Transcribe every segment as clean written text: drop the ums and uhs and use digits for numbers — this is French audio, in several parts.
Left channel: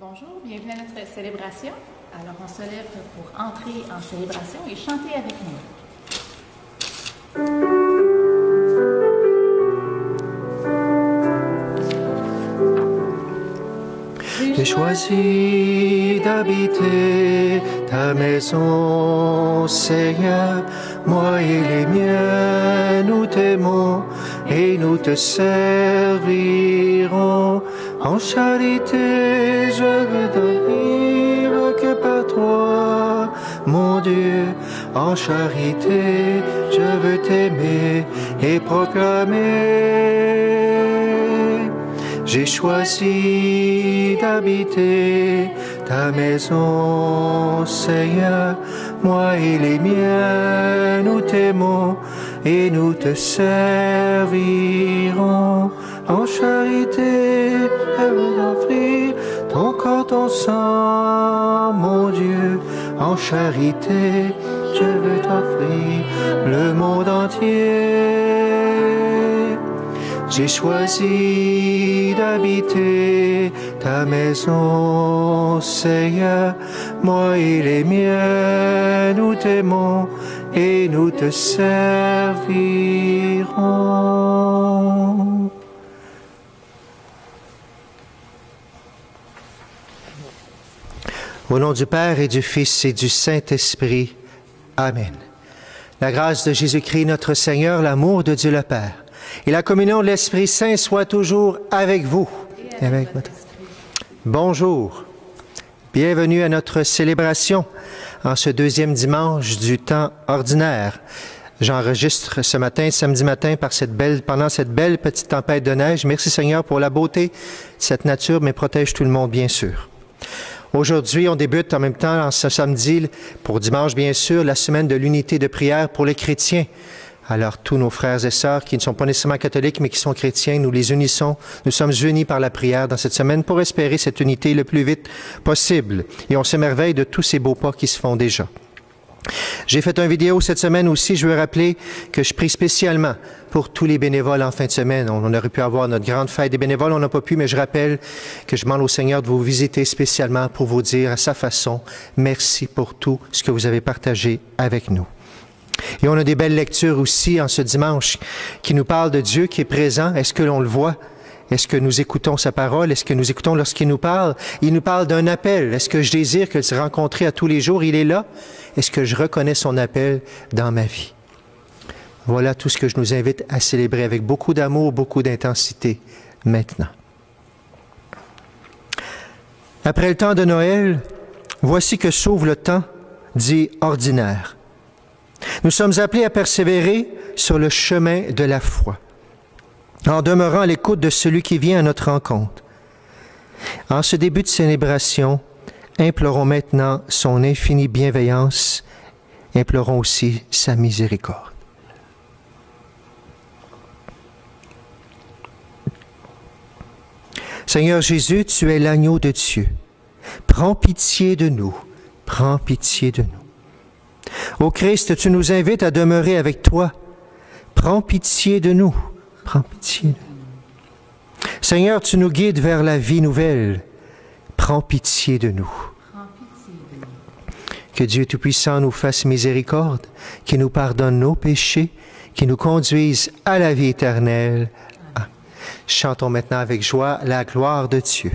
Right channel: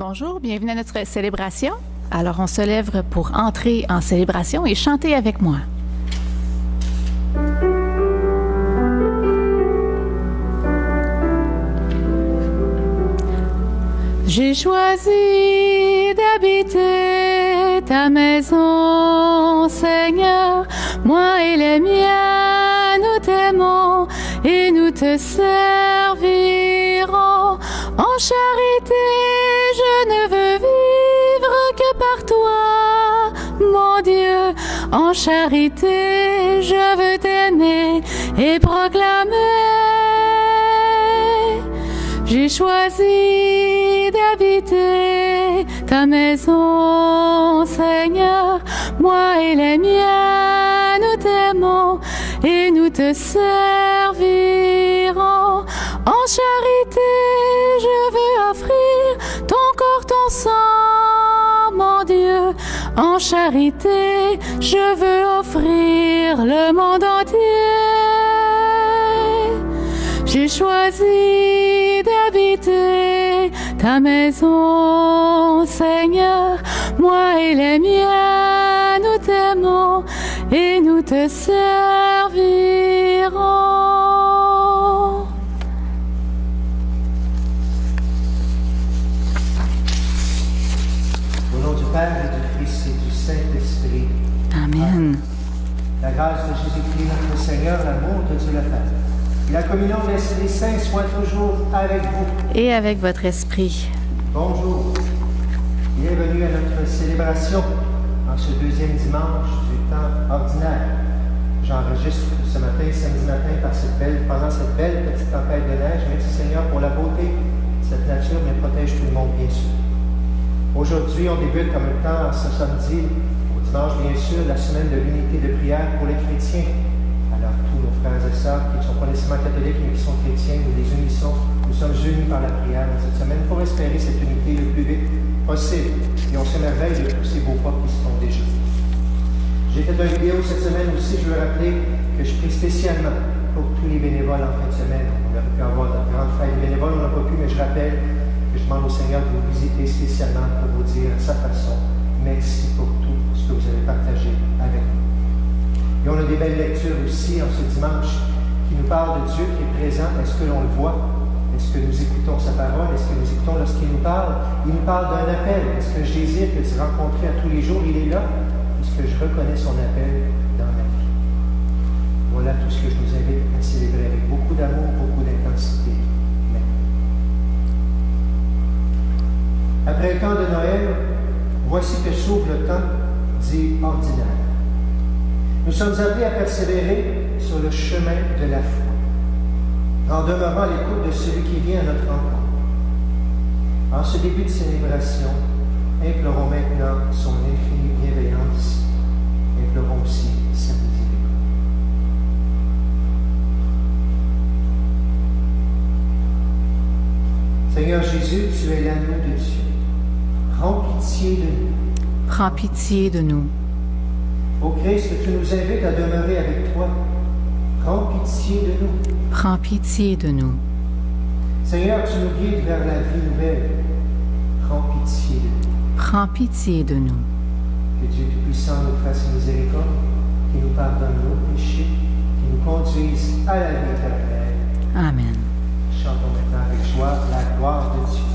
Bonjour, bienvenue à notre célébration. Alors, on se lève pour entrer en célébration et chanter avec moi. J'ai choisi d'habiter ta maison, Seigneur. Moi et les miens, nous t'aimons et nous te servirons. En charité, je ne veux vivre que par toi, mon Dieu. En charité, je veux t'aimer et proclamer. J'ai choisi d'habiter ta maison, Seigneur. Moi et les miens, nous t'aimons et nous te servirons. En charité, je veux offrir ton corps, ton sang, mon Dieu. En charité, je veux offrir le monde entier. J'ai choisi d'habiter ta maison, Seigneur. Moi et les miens, nous t'aimons et nous te servirons. Au nom du Père et du Fils et du Saint-Esprit. Amen. Amen. La grâce de Jésus-Christ, notre Seigneur, l'amour de Dieu le Père et la communion de l'Esprit Saint soient toujours avec vous. Et avec votre esprit. Bonjour. Bienvenue à notre célébration en ce deuxième dimanche du temps ordinaire. J'enregistre ce matin, samedi matin, pendant cette belle petite tempête de neige. Merci Seigneur pour la beauté de cette nature, mais protège tout le monde, bien sûr. Aujourd'hui, on débute en même temps, ce samedi, pour dimanche, bien sûr, la semaine de l'unité de prière pour les chrétiens. Alors, tous nos frères et sœurs qui ne sont pas nécessairement catholiques, mais qui sont chrétiens, nous les unissons. Nous sommes unis par la prière dans cette semaine pour espérer cette unité le plus vite possible. Et on s'émerveille de tous ces beaux pas qui se font déjà. J'ai fait une vidéo cette semaine aussi. Je veux rappeler que je prie spécialement pour tous les bénévoles en fin de semaine. On aurait pu avoir notre grande fête des bénévoles, on n'a pas pu, mais je rappelle que je demande au Seigneur de vous visiter spécialement pour vous dire à sa façon, merci pour tout ce que vous avez partagé avec nous. Et on a des belles lectures aussi en ce dimanche qui nous parlent de Dieu qui est présent. Est-ce que l'on le voit? Est-ce que nous écoutons sa parole? Est-ce que nous écoutons lorsqu'il nous parle? Il nous parle d'un appel. Est-ce que je désire que se rencontrer à tous les jours? Il est là. Est-ce que je reconnais son appel dans ma vie? Voilà tout ce que je nous invite à célébrer avec beaucoup d'amour, beaucoup d'intensité maintenant. Après le temps de Noël, voici que s'ouvre le temps dit ordinaire. Nous sommes appelés à persévérer sur le chemin de la foi, en demeurant à l'écoute de celui qui vient à notre rencontre. En ce début de célébration, implorons maintenant son infinie bienveillance, implorons aussi sa miséricorde. Seigneur Jésus, tu es l'agneau de Dieu. Prends pitié de nous. Prends pitié de nous. Ô Christ, tu nous invites à demeurer avec toi. Prends pitié de nous. Prends pitié de nous. Seigneur, tu nous guides vers la vie nouvelle. Prends pitié de nous. Prends pitié de nous. Que Dieu Tout-Puissant nous fasse miséricorde, qu'il nous pardonne nos péchés, qu'il nous conduise à la vie éternelle. Amen. Chantons maintenant avec joie la gloire de Dieu.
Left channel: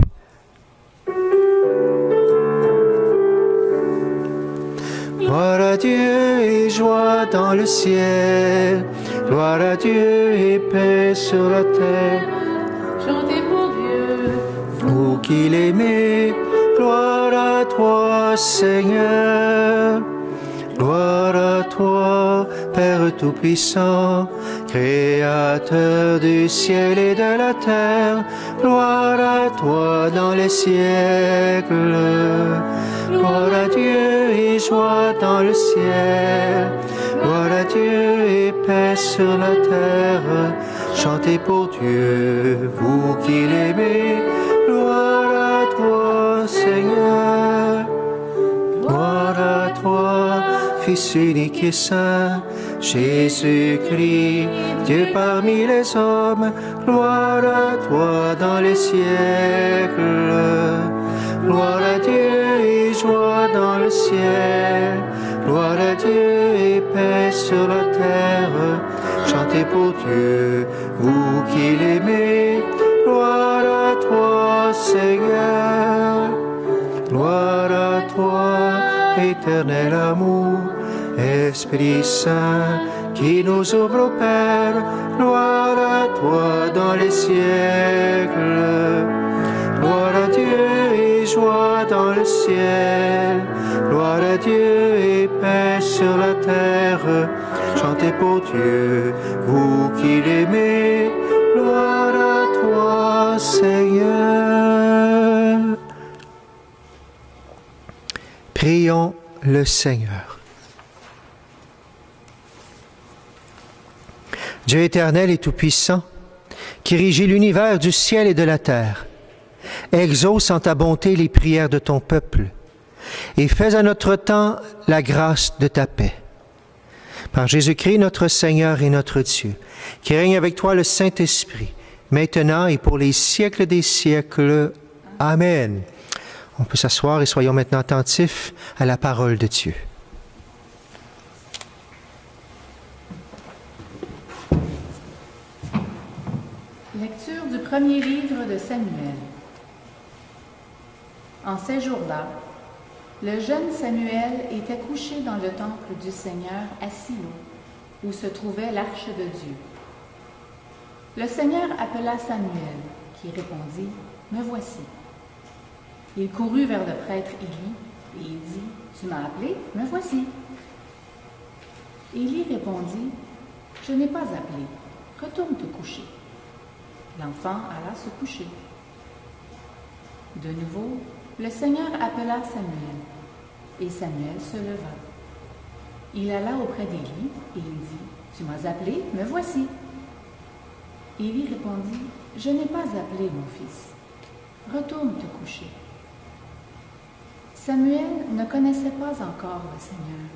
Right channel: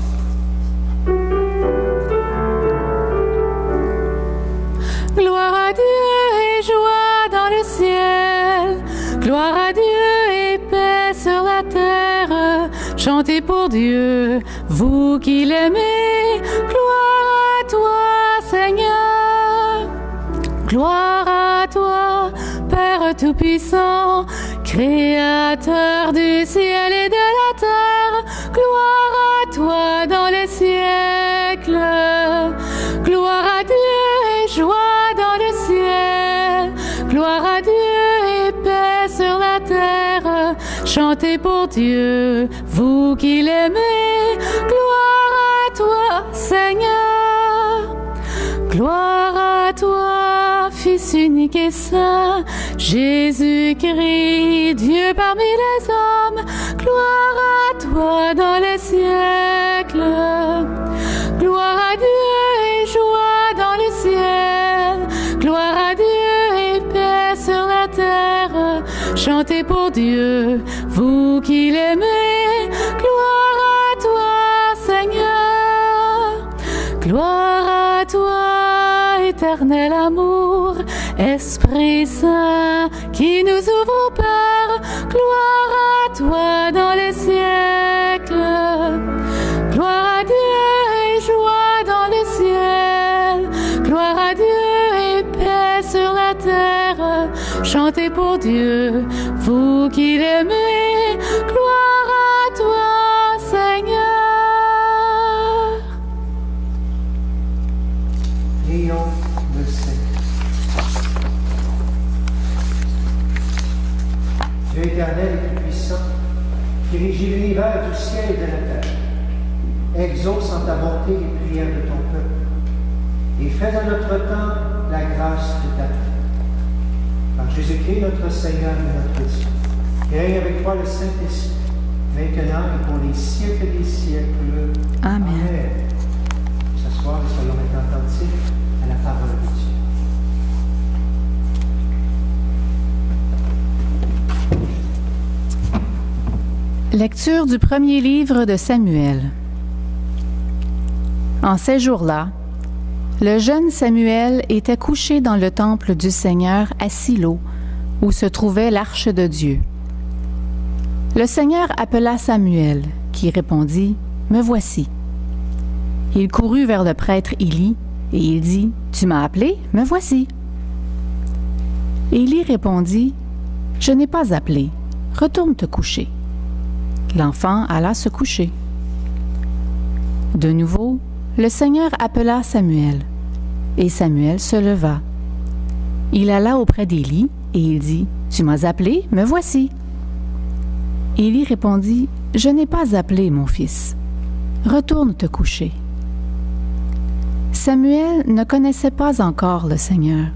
Gloire à Dieu et joie dans le ciel. Gloire à Dieu et paix sur la terre. Chantez pour Dieu, vous qui l'aimez. Gloire à toi, Seigneur. Gloire à toi, Père Tout-Puissant, Créateur du ciel et de la terre. Gloire à toi dans les siècles. Gloire à Dieu et joie dans le ciel. Gloire à Dieu et paix sur la terre. Chantez pour Dieu, vous qui l'aimez. Gloire à toi, Seigneur. Gloire à toi, Fils unique et saint, Jésus-Christ, Dieu parmi les hommes. Gloire à toi dans les siècles. Gloire joie dans le ciel. Gloire à Dieu et paix sur la terre. Chantez pour Dieu, vous qui l'aimez. Gloire à toi, Seigneur. Gloire à toi, éternel amour. Esprit Saint qui nous ouvre au Père. Gloire à toi dans les siècles. Gloire à Dieu et joie dans le ciel. Gloire à Dieu et paix sur la terre. Chantez pour Dieu, vous qui l'aimez. Gloire à toi, Seigneur. Prions le Seigneur. Dieu éternel et tout-puissant, qui régit l'univers du ciel et de la terre, exauce en ta bonté les prières de ton peuple et fais à notre temps la grâce de ta paix. Par Jésus-Christ, notre Seigneur et notre Dieu, qui règne avec toi le Saint-Esprit, maintenant et pour les siècles des siècles. Amen. Amen. On peut s'asseoir et soyons maintenant attentifs à la parole de Dieu. Lecture du premier livre de Samuel. En ces jours-là, le jeune Samuel était couché dans le temple du Seigneur à Silo, où se trouvait l'arche de Dieu. Le Seigneur appela Samuel, qui répondit, « Me voici. » Il courut vers le prêtre Élie, et il dit, « Tu m'as appelé? Me voici. » Élie répondit, « Je n'ai pas appelé. Retourne te coucher. » L'enfant alla se coucher. De nouveau, le Seigneur appela Samuel, et Samuel se leva. Il alla auprès d'Élie, et il dit, « Tu m'as appelé, me voici. » Élie répondit, « Je n'ai pas appelé, mon fils. Retourne te coucher. » Samuel ne connaissait pas encore le Seigneur,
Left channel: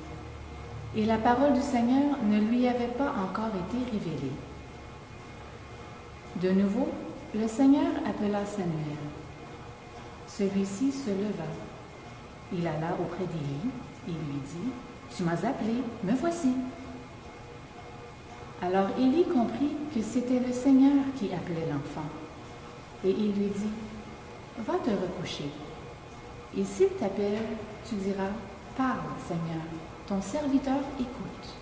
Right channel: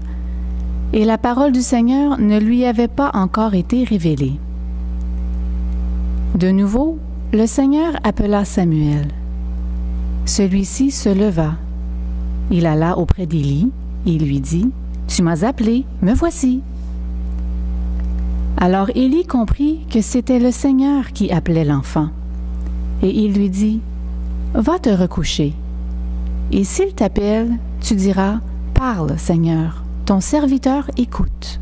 et la parole du Seigneur ne lui avait pas encore été révélée. De nouveau, le Seigneur appela Samuel. Celui-ci se leva. Il alla auprès d'Élie et lui dit, « Tu m'as appelé, me voici. » Alors Élie comprit que c'était le Seigneur qui appelait l'enfant. Et il lui dit, « Va te recoucher. Et s'il t'appelle, tu diras, « Parle, Seigneur, ton serviteur écoute. »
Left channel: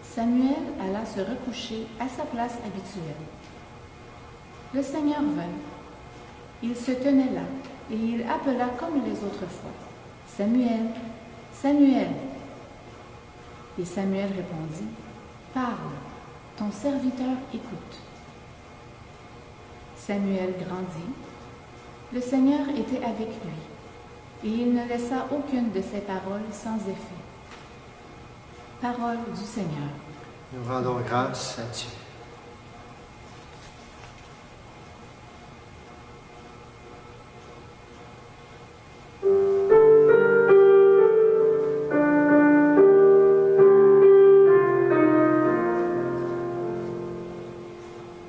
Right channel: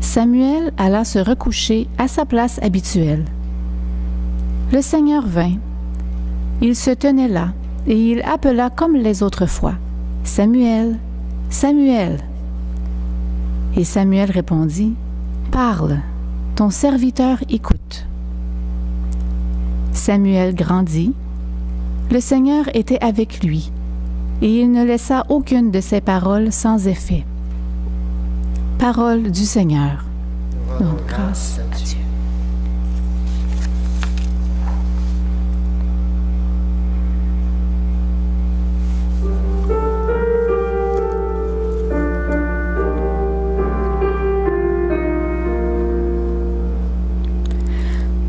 Samuel alla se recoucher à sa place habituelle. Le Seigneur vint. Il se tenait là, et il appela comme les autres fois, « Samuel, Samuel. » Et Samuel répondit, « Parle, ton serviteur écoute. » Samuel grandit. Le Seigneur était avec lui, et il ne laissa aucune de ses paroles sans effet. Parole du Seigneur. Nous rendons grâce à Dieu.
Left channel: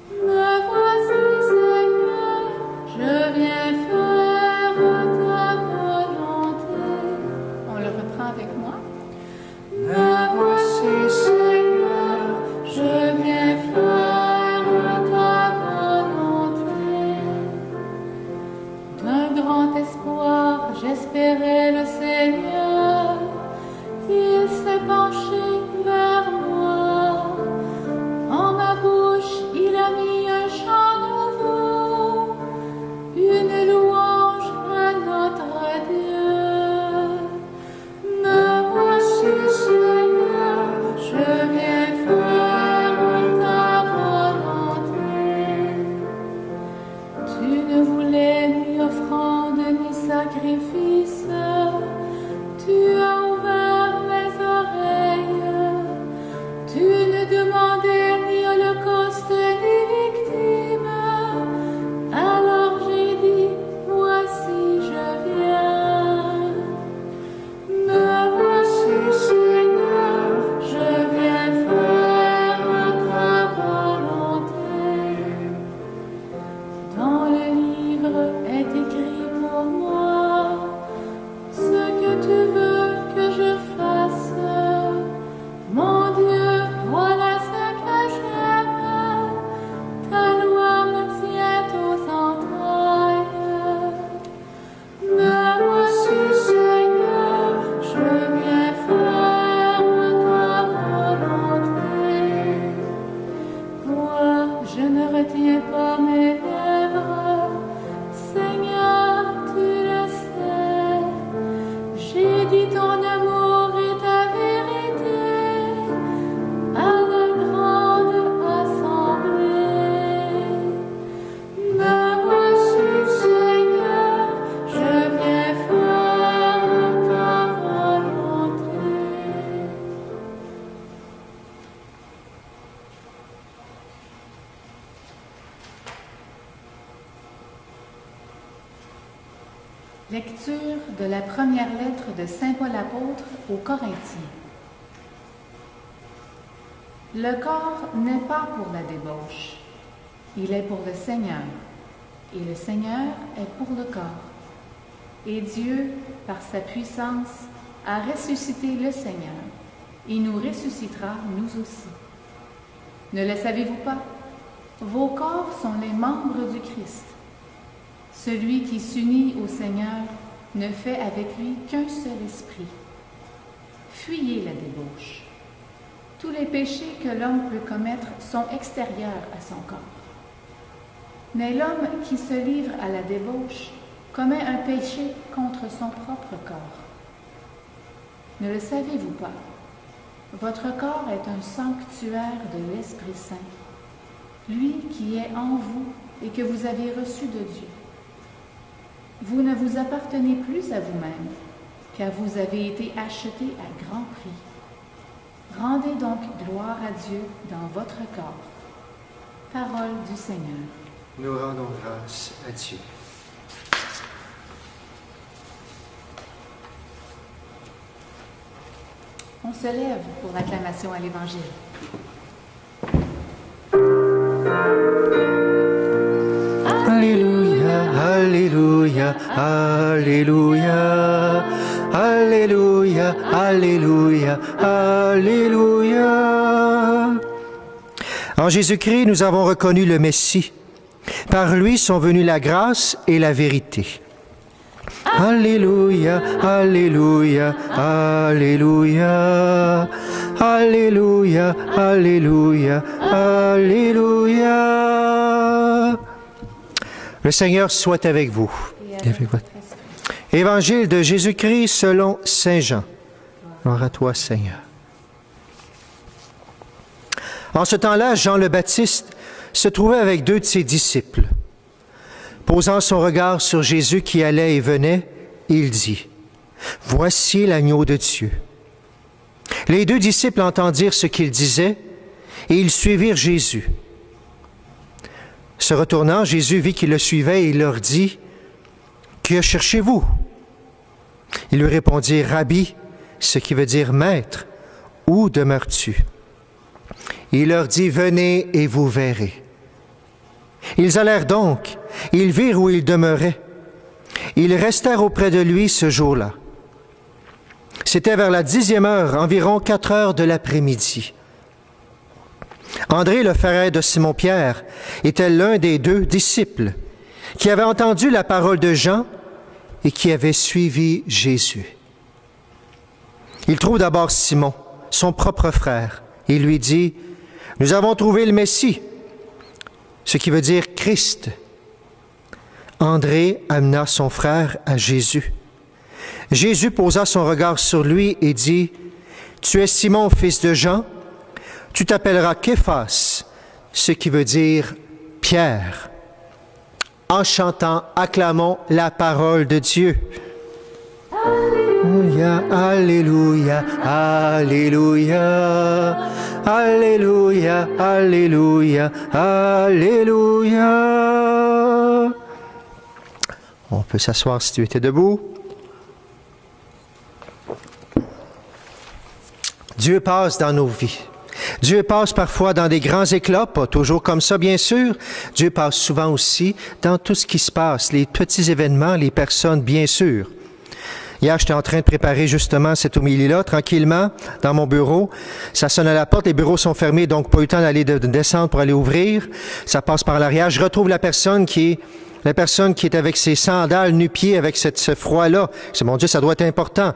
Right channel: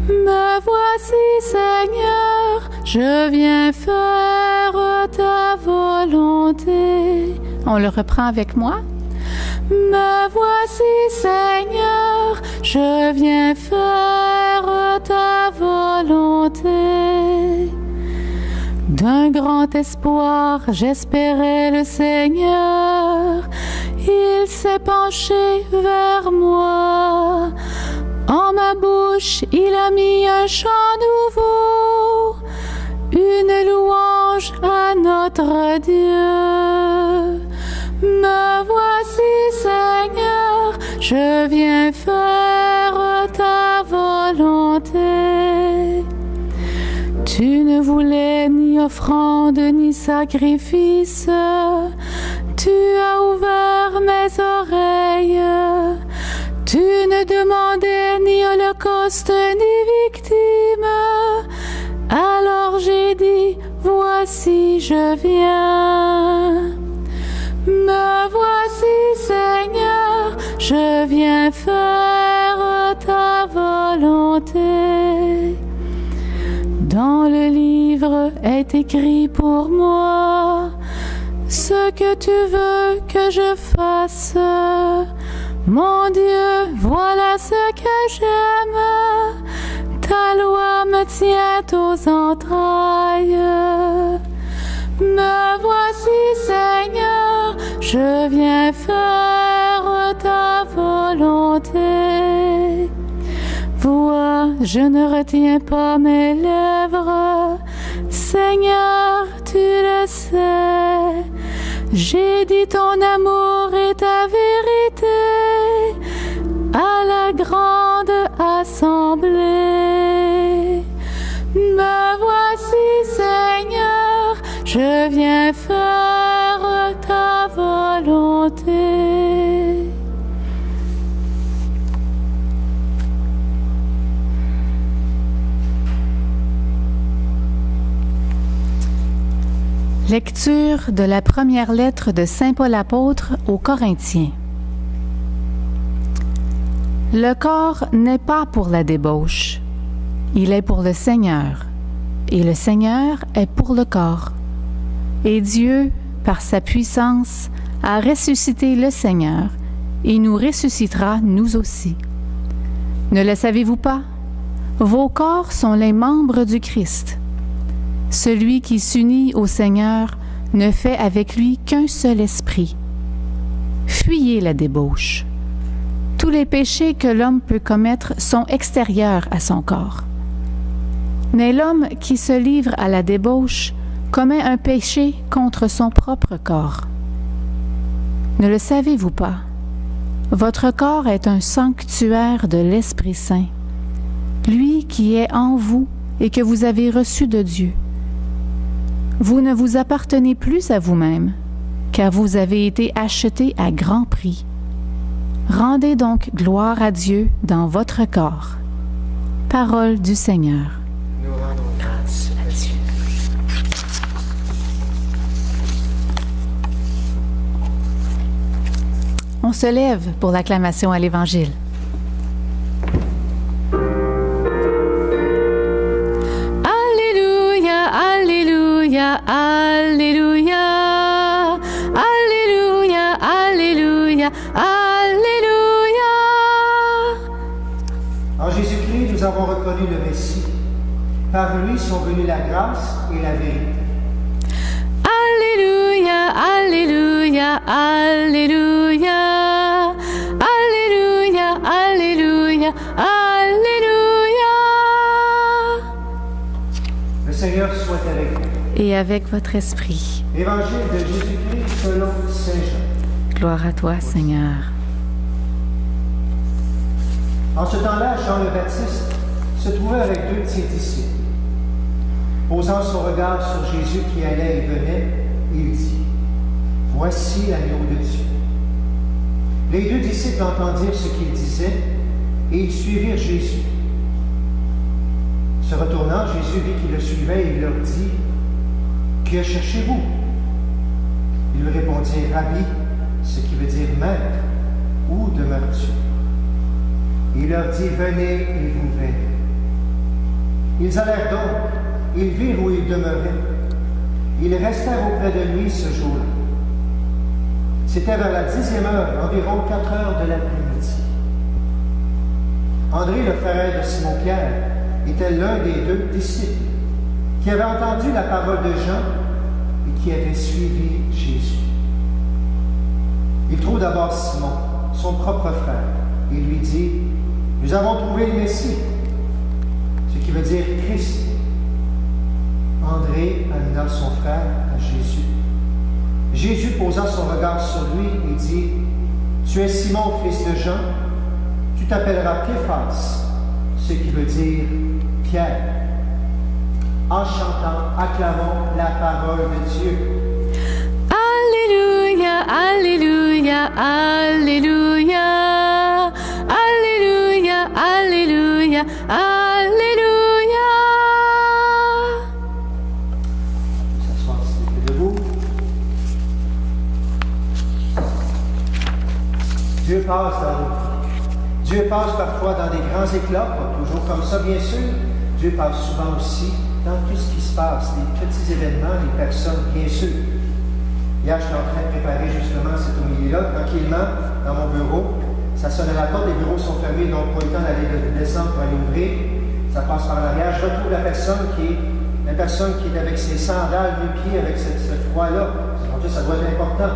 Me voici, Seigneur, je viens faire ta volonté. On le reprend avec moi. Me voici, Seigneur, je viens faire ta volonté. D'un grand espoir, j'espérais le Seigneur. Il s'est penché vers moi. En ma bouche, il a mis un chant nouveau, une louange à notre Dieu. Me voici, Seigneur, je viens faire ta volonté. Tu ne voulais ni offrande ni sacrifice, tu as ouvert mes oreilles. Tu ne demandais ni holocauste ni victime. Alors j'ai dit, voici je viens. Me voici, Seigneur, je viens faire ta volonté. Dans le livre est écrit pour moi ce je ne retiens pas mes lèvres. Seigneur, tu le sais. J'ai dit ton amour et ta vérité à la grande assemblée. Me voici, Seigneur, je viens faire ta volonté. Lecture de la première lettre de Saint Paul apôtre aux Corinthiens. Le corps n'est pas pour la débauche, il est pour le Seigneur, et le Seigneur est pour le corps. Et Dieu, par sa puissance, a ressuscité le Seigneur, et nous ressuscitera nous aussi. Ne le savez-vous pas? Vos corps sont les membres du Christ. Celui qui s'unit au Seigneur ne fait avec lui qu'un seul esprit. Fuyez la débauche. Tous les péchés que l'homme peut commettre sont extérieurs à son corps. Mais l'homme qui se livre à la débauche commet un péché contre son propre corps. Ne le savez-vous pas? Votre corps est un sanctuaire de l'Esprit Saint, lui qui est en vous et que vous avez reçu de Dieu. Vous ne vous appartenez plus à vous-même, car vous avez été achetés à grand prix. Rendez donc gloire à Dieu dans votre corps. Parole du Seigneur. Nous rendons grâce à Dieu. On se lève pour l'acclamation à l'Évangile. Alléluia, Alléluia, Alléluia, Alléluia, Alléluia, Alléluia. En Jésus-Christ, nous avons reconnu le Messie. Par lui sont venues la grâce et la vérité. Alléluia, Alléluia, Alléluia, Alléluia, Alléluia, Alléluia. Le Seigneur soit avec vous. Et avec votre esprit. Évangile de Jésus-Christ selon Saint Jean. Gloire à toi, Seigneur. En ce temps-là, Jean le Baptiste se trouvait avec 2 de ses disciples. Posant son regard sur Jésus qui allait et venait, il dit, « Voici l'agneau de Dieu. » Les 2 disciples entendirent ce qu'il disait et ils suivirent Jésus. Se retournant, Jésus vit qu'ils le suivaient et il leur dit, « Que cherchez-vous? » Ils lui répondirent, « Rabbi, ce qui veut dire maître, où demeures-tu? » Il leur dit, « Venez et vous verrez. » Ils allèrent donc, ils virent où il demeurait. Ils restèrent auprès de lui ce jour-là. C'était vers la 10e heure, environ 4 heures de l'après-midi. André, le frère de Simon-Pierre, était l'un des 2 disciples qui avait entendu la parole de Jean et qui avait suivi Jésus. Il trouve d'abord Simon, son propre frère, et lui dit, « Nous avons trouvé le Messie, ce qui veut dire Christ. » André amena son frère à Jésus. Jésus posa son regard sur lui et dit, « Tu es Simon, fils de Jean, tu t'appelleras Képhas, ce qui veut dire Pierre. » En chantant, acclamons la parole de Dieu. Alléluia, Alléluia, Alléluia, Alléluia, Alléluia, Alléluia. On peut s'asseoir si tu étais debout. Dieu passe dans nos vies. Dieu passe parfois dans des grands éclats, pas toujours comme ça, bien sûr. Dieu passe souvent aussi dans tout ce qui se passe, les petits événements, les personnes, bien sûr. Hier, j'étais en train de préparer justement cette homélie-là, tranquillement, dans mon bureau. Ça sonne à la porte, les bureaux sont fermés, donc pas eu le temps d'aller descendre pour aller ouvrir. Ça passe par l'arrière. Je retrouve la personne qui est avec ses sandales nu-pieds, avec ce froid-là. C'est mon Dieu, ça doit être important.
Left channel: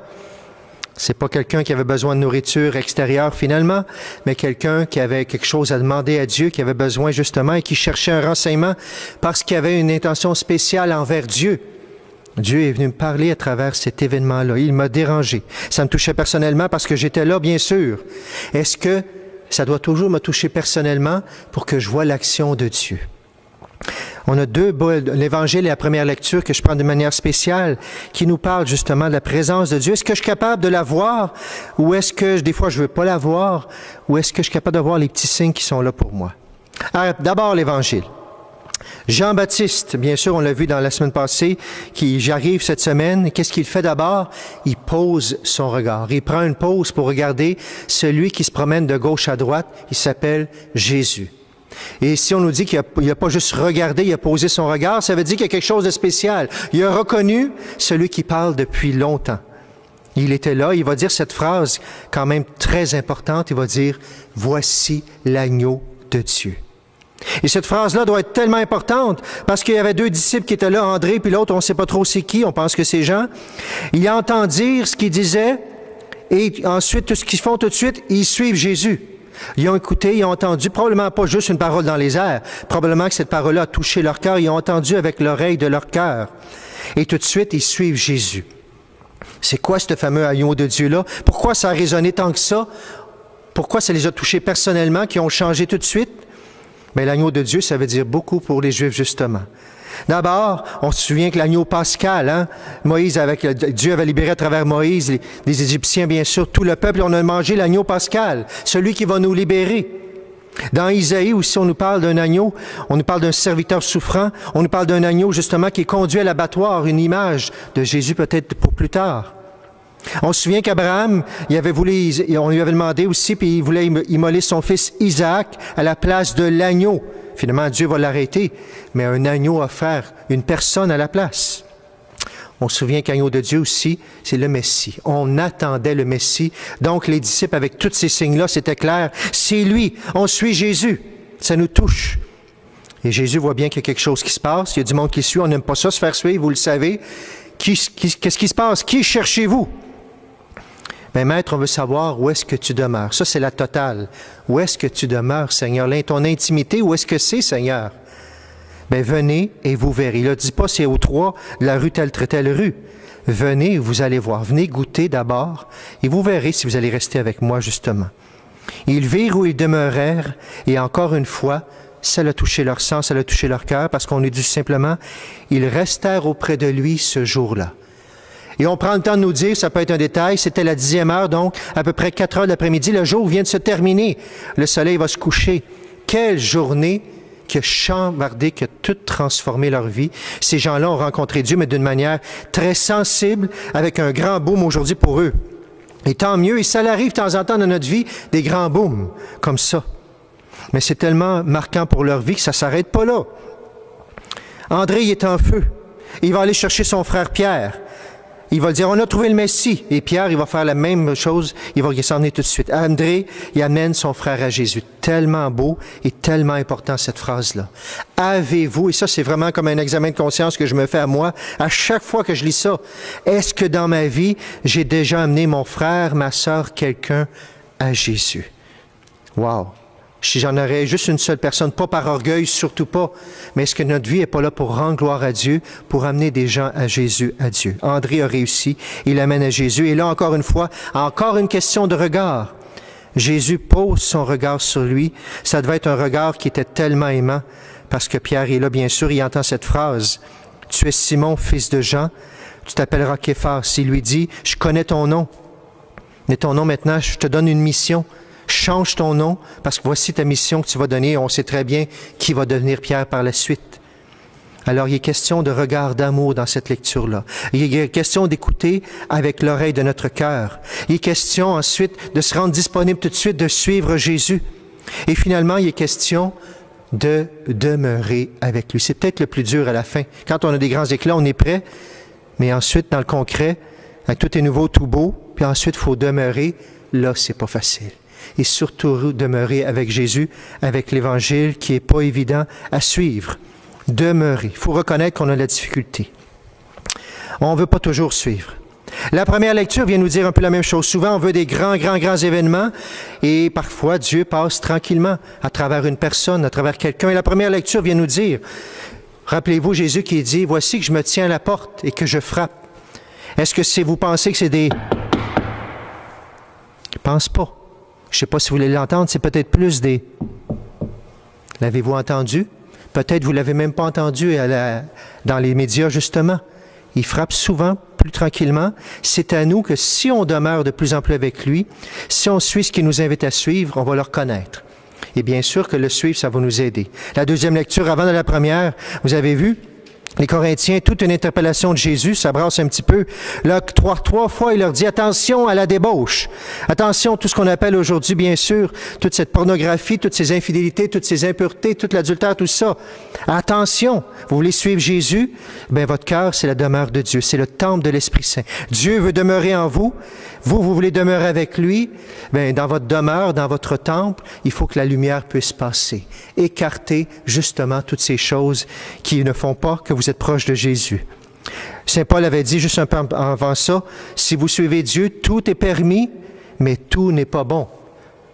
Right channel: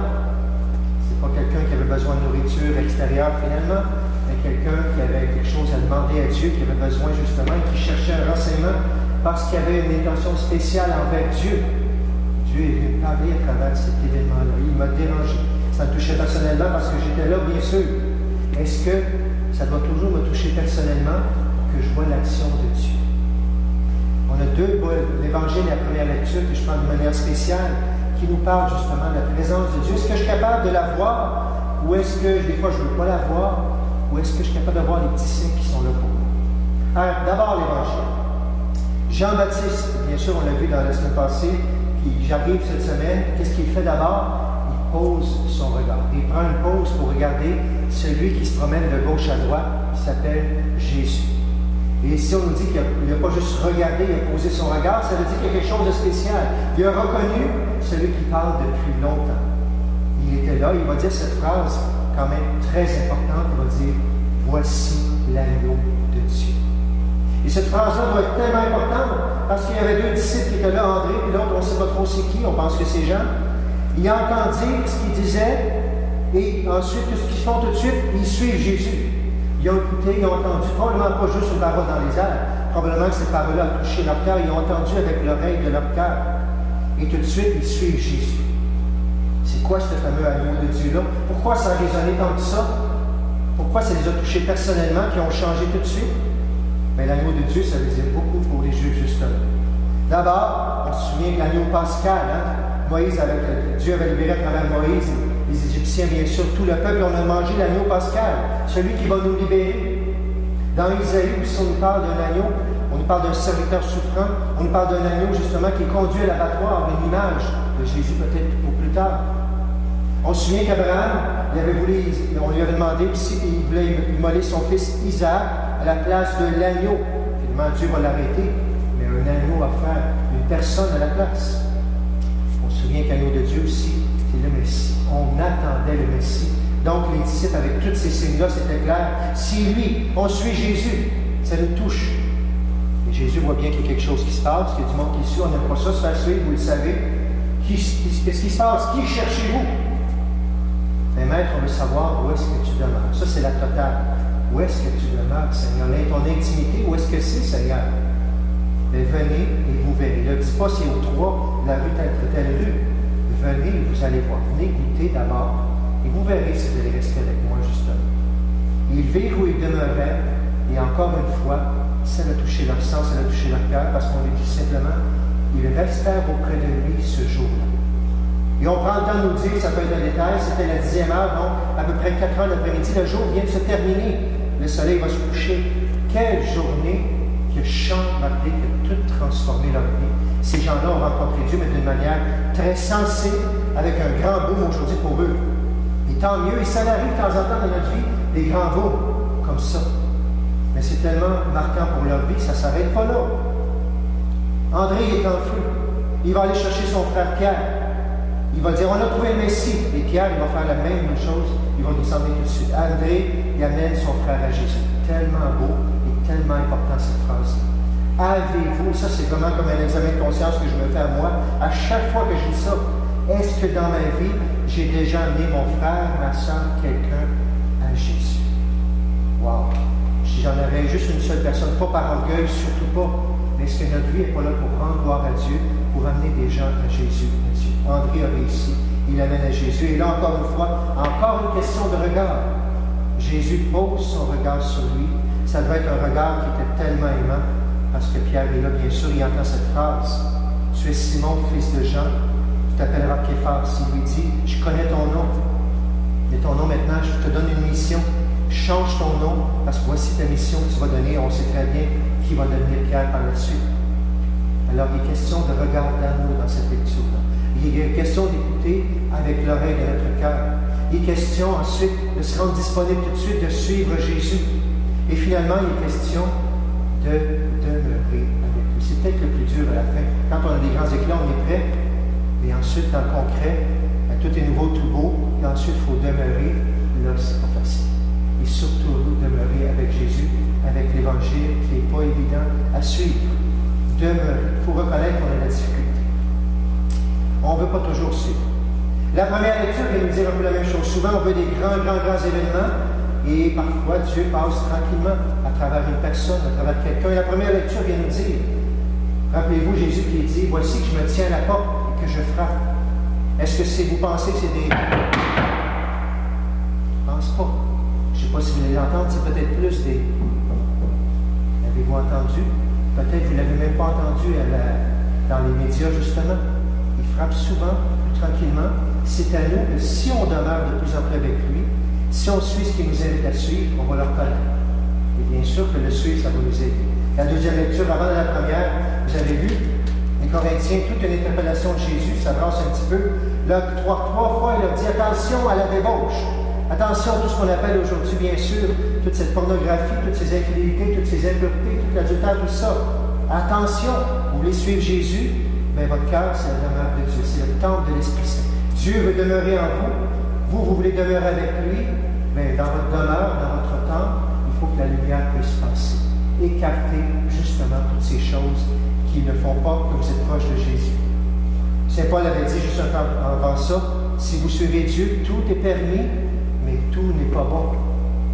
C'est pas quelqu'un qui avait besoin de nourriture extérieure finalement, mais quelqu'un qui avait quelque chose à demander à Dieu, qui avait besoin justement et qui cherchait un renseignement parce qu'il avait une intention spéciale envers Dieu. Dieu est venu me parler à travers cet événement-là. Il m'a dérangé. Ça me touchait personnellement parce que j'étais là, bien sûr. Est-ce que ça doit toujours me toucher personnellement pour que je voie l'action de Dieu? On a l'Évangile et la première lecture que je prends de manière spéciale qui nous parle justement de la présence de Dieu. Est-ce que je suis capable de la voir ou est-ce que des fois je ne veux pas la voir ou est-ce que je suis capable de voir les petits signes qui sont là pour moi? Alors, d'abord l'Évangile. Jean-Baptiste, bien sûr, on l'a vu dans la semaine passée, j'arrive cette semaine. Qu'est-ce qu'il fait d'abord? Il pose son regard. Il prend une pause pour regarder celui qui se promène de gauche à droite. Il s'appelle Jésus. Et ici, on nous dit qu'il n'a pas juste regardé, il a posé son regard, ça veut dire qu'il y a quelque chose de spécial. Il a reconnu celui qui parle depuis longtemps. Il était là, il va dire cette phrase quand même très importante, il va dire « Voici l'agneau de Dieu ». Et cette phrase-là doit être tellement importante parce qu'il y avait deux disciples qui étaient là, André, puis l'autre, on ne sait pas trop c'est qui, on pense que c'est Jean. Il entend dire ce qu'il disait et ensuite, tout ce qu'ils font tout de suite, ils suivent Jésus. Ils ont écouté, ils ont entendu, probablement pas juste une parole dans les airs, probablement que cette parole-là a touché leur cœur, ils ont entendu avec l'oreille de leur cœur. Et tout de suite, ils suivent Jésus. C'est quoi ce fameux agneau de Dieu-là? Pourquoi ça a résonné tant que ça? Pourquoi ça les a touchés personnellement, qui ont changé tout de suite? Bien, l'agneau de Dieu, ça veut dire beaucoup pour les Juifs, justement. D'abord, on se souvient que l'agneau pascal, hein? Dieu avait libéré à travers Moïse les Égyptiens, bien sûr, tout le peuple, on a mangé l'agneau pascal, celui qui va nous libérer. Dans Isaïe aussi, on nous parle d'un agneau, on nous parle d'un serviteur souffrant, on nous parle d'un agneau, justement, qui est conduit à l'abattoir, une image de Jésus peut-être pour plus tard. On se souvient qu'Abraham, on lui avait demandé aussi, puis il voulait immoler son fils Isaac à la place de l'agneau. Finalement, Dieu va l'arrêter, mais un agneau à faire une personne à la place. On se souvient qu'agneau de Dieu aussi, c'est le Messie. On attendait le Messie. Donc, les disciples, avec tous ces signes-là, c'était clair. C'est lui, on suit Jésus. Ça nous touche. Et Jésus voit bien qu'il y a quelque chose qui se passe. Il y a du monde qui suit. On n'aime pas ça, se faire suivre, vous le savez. Qu'est-ce qui se passe? Qui cherchez-vous? Mais maître, on veut savoir où est-ce que tu demeures. Ça, c'est la totale. Où est-ce que tu demeures, Seigneur? Là, ton intimité, où est-ce que c'est, Seigneur? Bien, venez et vous verrez. Il ne dit pas c'est au 3 de la rue telle rue. Venez et vous allez voir. Venez goûter d'abord et vous verrez si vous allez rester avec moi, justement. Ils virent où ils demeurèrent et encore une fois, ça a touché leur sang, ça a touché leur cœur parce qu'on nous dit simplement, ils restèrent auprès de lui ce jour-là. Et on prend le temps de nous dire, ça peut être un détail, c'était la 10e heure, donc à peu près 4 heures l'après-midi, le jour vient de se terminer. Le soleil va se coucher. Quelle journée qui a chambardé, qui a tout transformé leur vie. Ces gens-là ont rencontré Dieu, mais d'une manière très sensible, avec un grand boom aujourd'hui pour eux. Et tant mieux, et ça arrive de temps en temps dans notre vie, des grands booms, comme ça. Mais c'est tellement marquant pour leur vie que ça ne s'arrête pas là. André, il est en feu. Il va aller chercher son frère Pierre. Il va dire, on a trouvé le Messie. Et Pierre, il va faire la même chose. Il va s'en venir tout de suite. André, il amène son frère à Jésus. Tellement beau et tellement important, cette phrase-là. Avez-vous, et ça, c'est vraiment comme un examen de conscience que je me fais à moi, à chaque fois que je lis ça, est-ce que dans ma vie, j'ai déjà amené mon frère, ma soeur, quelqu'un à Jésus? Wow! Si j'en aurais juste une seule personne, pas par orgueil, surtout pas, mais est-ce que notre vie n'est pas là pour rendre gloire à Dieu, pour amener des gens à Jésus, à Dieu? André a réussi, il amène à Jésus. Et là, encore une fois, encore une question de regard. Jésus pose son regard sur lui. Ça devait être un regard qui était tellement aimant, parce que Pierre est là, bien sûr, il entend cette phrase. « Tu es Simon, fils de Jean, tu t'appelleras Képhas. » Il lui dit, « Je connais ton nom, mais ton nom maintenant, je te donne une mission. » Change ton nom, parce que voici ta mission que tu vas donner. On sait très bien qui va devenir Pierre par la suite. Alors, il est question de regard d'amour dans cette lecture-là. Il est question d'écouter avec l'oreille de notre cœur. Il est question ensuite de se rendre disponible tout de suite, de suivre Jésus. Et finalement, il est question de demeurer avec lui. C'est peut-être le plus dur à la fin. Quand on a des grands éclats, on est prêt, mais ensuite, dans le concret, tout est nouveau, tout beau, puis ensuite, il faut demeurer. Là, c'est pas facile. Et surtout demeurer avec Jésus, avec l'Évangile qui n'est pas évident à suivre. Demeurer. Il faut reconnaître qu'on a la difficulté. On ne veut pas toujours suivre. La première lecture vient nous dire un peu la même chose. Souvent, on veut des grands événements et parfois, Dieu passe tranquillement à travers une personne, à travers quelqu'un. Et la première lecture vient nous dire, rappelez-vous Jésus qui dit, « Voici que je me tiens à la porte et que je frappe. » Est-ce que vous pensez que c'est des... Je ne pense pas. Je ne sais pas si vous voulez l'entendre, c'est peut-être plus des... L'avez-vous entendu? Peut-être vous ne l'avez même pas entendu dans les médias, justement. Il frappe souvent, plus tranquillement. C'est à nous que si on demeure de plus en plus avec lui, si on suit ce qu'il nous invite à suivre, on va le reconnaître. Et bien sûr que le suivre, ça va nous aider. La deuxième lecture, avant de la première, vous avez vu, les Corinthiens, toute une interpellation de Jésus, ça brasse un petit peu. Là, trois fois, il leur dit, attention à la débauche. Attention à tout ce qu'on appelle aujourd'hui, bien sûr, toute cette pornographie, toutes ces infidélités, toutes ces impuretés, tout l'adultère, tout ça. Attention, vous voulez suivre Jésus? Bien, votre cœur, c'est la demeure de Dieu, c'est le temple de l'Esprit Saint. Dieu veut demeurer en vous. Vous voulez demeurer avec lui. Bien, dans votre demeure, dans votre temple, il faut que la lumière puisse passer. Écarter, justement, toutes ces choses qui ne font pas que vous êtes proche de Jésus. Saint Paul avait dit, juste un peu avant ça, si vous suivez Dieu, tout est permis, mais tout n'est pas bon.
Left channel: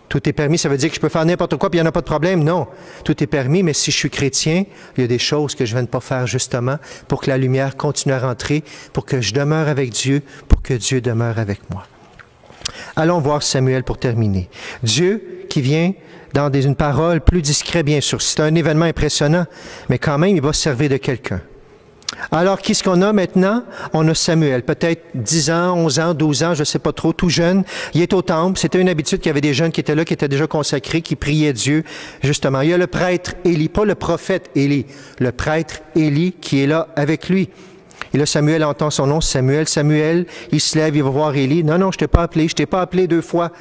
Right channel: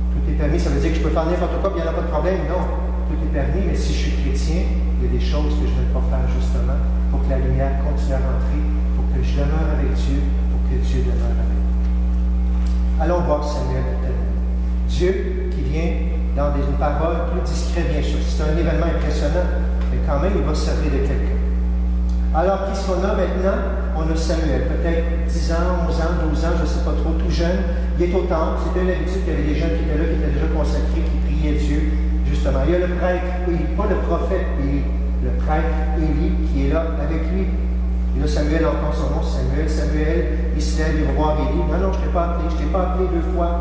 Tout est permis, ça veut dire que je peux faire n'importe quoi, puis il n'y en a pas de problème. Non, tout est permis, mais si je suis chrétien, il y a des choses que je ne viens de pas faire, justement, pour que la lumière continue à rentrer, pour que je demeure avec Dieu, pour que Dieu demeure avec moi. Allons voir Samuel pour terminer. Dieu qui vient dans une parole plus discrète, bien sûr. C'est un événement impressionnant, mais quand même, il va se servir de quelqu'un. Alors, qu'est-ce qu'on a maintenant? On a Samuel, peut-être 10 ans, 11 ans, 12 ans, je ne sais pas trop, tout jeune. Il est au temple. C'était une habitude qu'il y avait des jeunes qui étaient là, qui étaient déjà consacrés, qui priaient Dieu, justement. Il y a le prêtre Élie, pas le prophète Élie, le prêtre Élie qui est là avec lui. Et là, Samuel entend son nom, Samuel. Samuel, il se lève, il va voir Élie. Non, non, je ne t'ai pas appelé, je ne t'ai pas appelé 2 fois.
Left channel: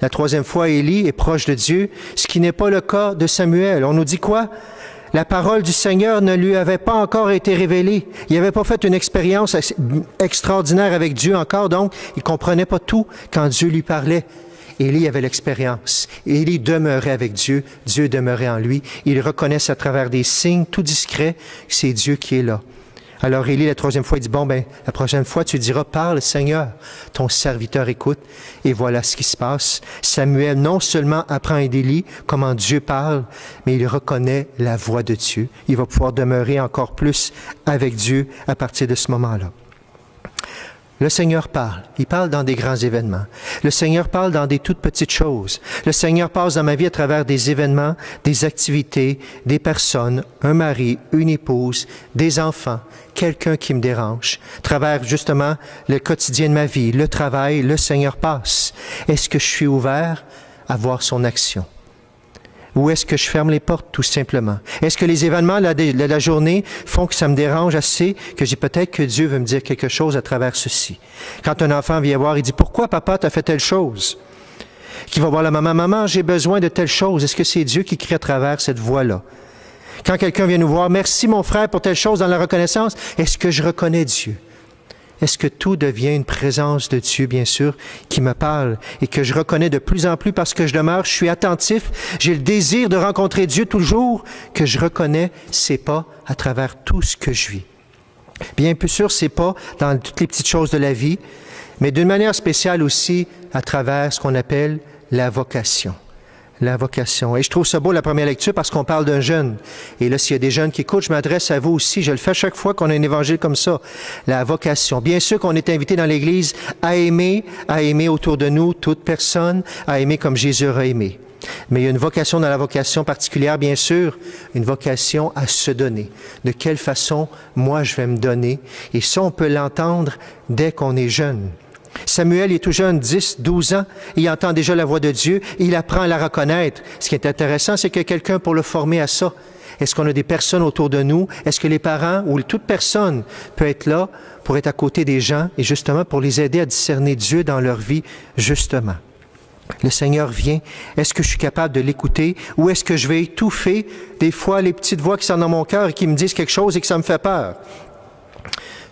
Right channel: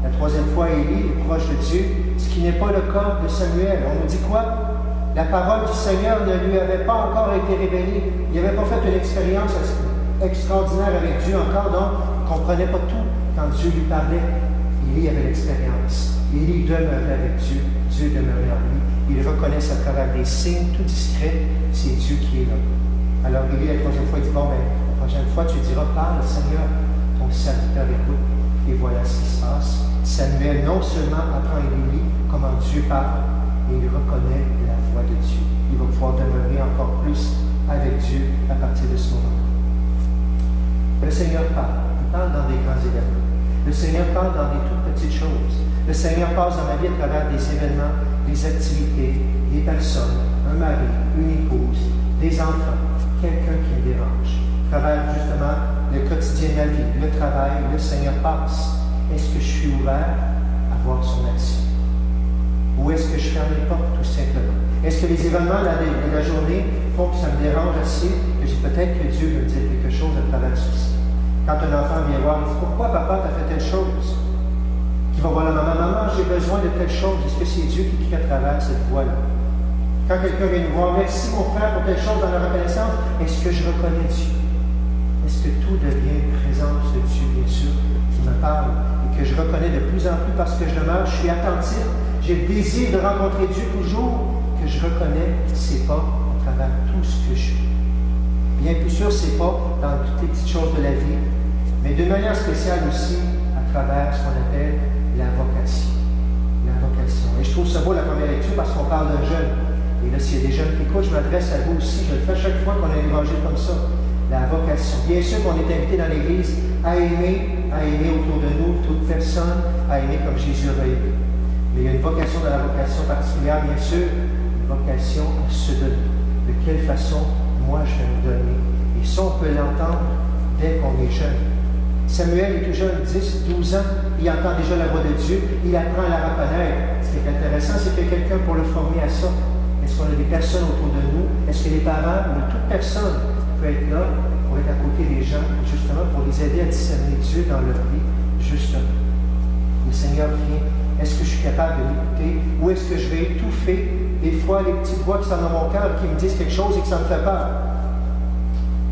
La 3e fois, Élie est proche de Dieu, ce qui n'est pas le cas de Samuel. On nous dit quoi? La parole du Seigneur ne lui avait pas encore été révélée. Il n'avait pas fait une expérience extraordinaire avec Dieu encore, donc il ne comprenait pas tout quand Dieu lui parlait. Élie avait l'expérience. Élie demeurait avec Dieu, Dieu demeurait en lui. Il reconnaissait à travers des signes tout discrets que c'est Dieu qui est là. Alors Élie, la 3e fois, il dit, bon, ben, la prochaine fois, tu diras, parle, Seigneur, ton serviteur écoute. Et voilà ce qui se passe. Samuel non seulement apprend d'Élie comment Dieu parle, mais il reconnaît la voix de Dieu. Il va pouvoir demeurer encore plus avec Dieu à partir de ce moment-là. Le Seigneur parle. Il parle dans des grands événements. Le Seigneur parle dans des toutes petites choses. Le Seigneur passe dans ma vie à travers des événements, des activités, des personnes, un mari, une épouse, des enfants, quelqu'un qui me dérange. À travers justement le quotidien de ma vie, le travail, le Seigneur passe. Est-ce que je suis ouvert à voir son action? Ou est-ce que je ferme les portes, tout simplement? Est-ce que les événements de la journée font que ça me dérange assez, que j'ai peut-être que Dieu veut me dire quelque chose à travers ceci? Quand un enfant vient voir, il dit « Pourquoi, papa, tu as fait telle chose? » Qui va voir la maman « Maman, j'ai besoin de telle chose. » Est-ce que c'est Dieu qui crie à travers cette voix-là? Quand quelqu'un vient nous voir « Merci, mon frère, pour telle chose dans la reconnaissance. » Est-ce que je reconnais Dieu? Est-ce que tout devient une présence de Dieu, bien sûr, qui me parle et que je reconnais de plus en plus parce que je demeure, je suis attentif, j'ai le désir de rencontrer Dieu toujours, que je reconnais ses pas à travers tout ce que je vis. Bien plus sûr, c'est pas dans toutes les petites choses de la vie, mais d'une manière spéciale aussi à travers ce qu'on appelle la vocation. La vocation. Et je trouve ça beau la première lecture parce qu'on parle d'un jeune. Et là, s'il y a des jeunes qui écoutent, je m'adresse à vous aussi. Je le fais chaque fois qu'on a un évangile comme ça. La vocation. Bien sûr qu'on est invité dans l'Église à aimer autour de nous toute personne, à aimer comme Jésus a aimé. Mais il y a une vocation dans la vocation particulière, bien sûr, une vocation à se donner. De quelle façon, moi, je vais me donner. Et ça, on peut l'entendre dès qu'on est jeune. Samuel est tout jeune, 10, 12 ans, il entend déjà la voix de Dieu, il apprend à la reconnaître. Ce qui est intéressant, c'est qu'il y a quelqu'un pour le former à ça. Est-ce qu'on a des personnes autour de nous? Est-ce que les parents ou toute personne peut être là pour être à côté des gens et justement pour les aider à discerner Dieu dans leur vie, justement? Le Seigneur vient. Est-ce que je suis capable de l'écouter ou est-ce que je vais étouffer des fois les petites voix qui sont dans mon cœur et qui me disent quelque chose et que ça me fait peur?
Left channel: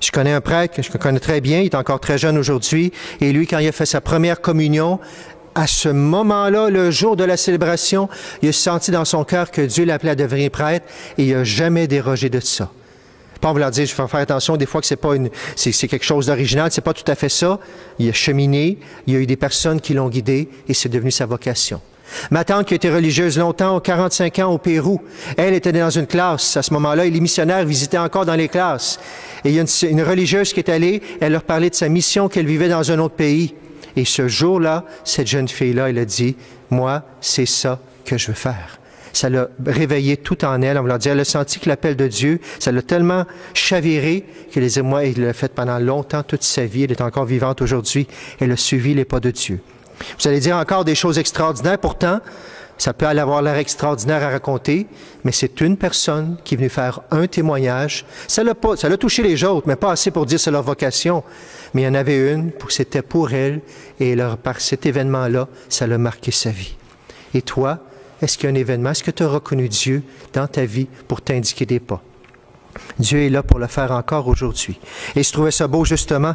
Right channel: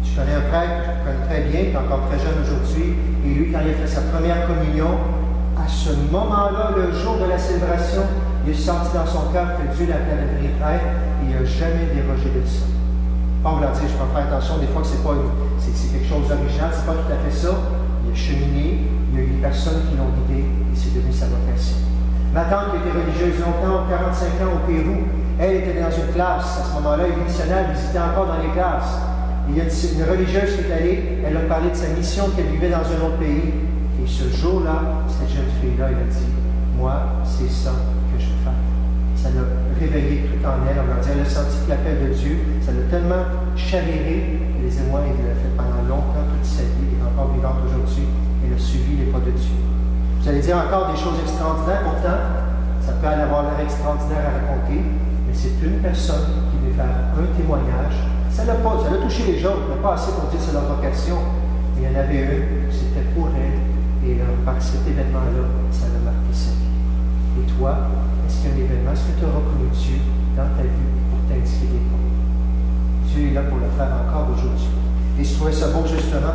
Je connais un prêtre que je connais très bien, il est encore très jeune aujourd'hui, et lui, quand il a fait sa première communion, à ce moment-là, le jour de la célébration, il a senti dans son cœur que Dieu l'appelait à devenir prêtre, et il n'a jamais dérogé de ça. Pas en voulant dire, je vais faire attention des fois que c'est quelque chose d'original, c'est pas tout à fait ça. Il a cheminé, il y a eu des personnes qui l'ont guidé et c'est devenu sa vocation. Ma tante qui a été religieuse longtemps, 45 ans au Pérou, elle était dans une classe à ce moment-là et les missionnaires visitaient encore dans les classes. Et il y a une religieuse qui est allée, elle leur parlait de sa mission qu'elle vivait dans un autre pays. Et ce jour-là, cette jeune fille-là, elle a dit, moi, c'est ça que je veux faire. Ça l'a réveillé tout en elle, on va dire, elle a senti que l'appel de Dieu, ça l'a tellement chaviré qu'elle disait, moi, il l'a fait pendant longtemps, toute sa vie, elle est encore vivante aujourd'hui, elle a suivi les pas de Dieu. Vous allez dire encore des choses extraordinaires, pourtant, ça peut aller avoir l'air extraordinaire à raconter, mais c'est une personne qui est venue faire un témoignage. Ça l'a touché les autres, mais pas assez pour dire c'est leur vocation. Mais il y en avait une, c'était pour elle, et par cet événement-là, ça l'a marqué sa vie. Et toi, est-ce qu'il y a un événement? Est-ce que tu as reconnu Dieu dans ta vie pour t'indiquer des pas? Dieu est là pour le faire encore aujourd'hui. Et je trouvais ça beau, justement.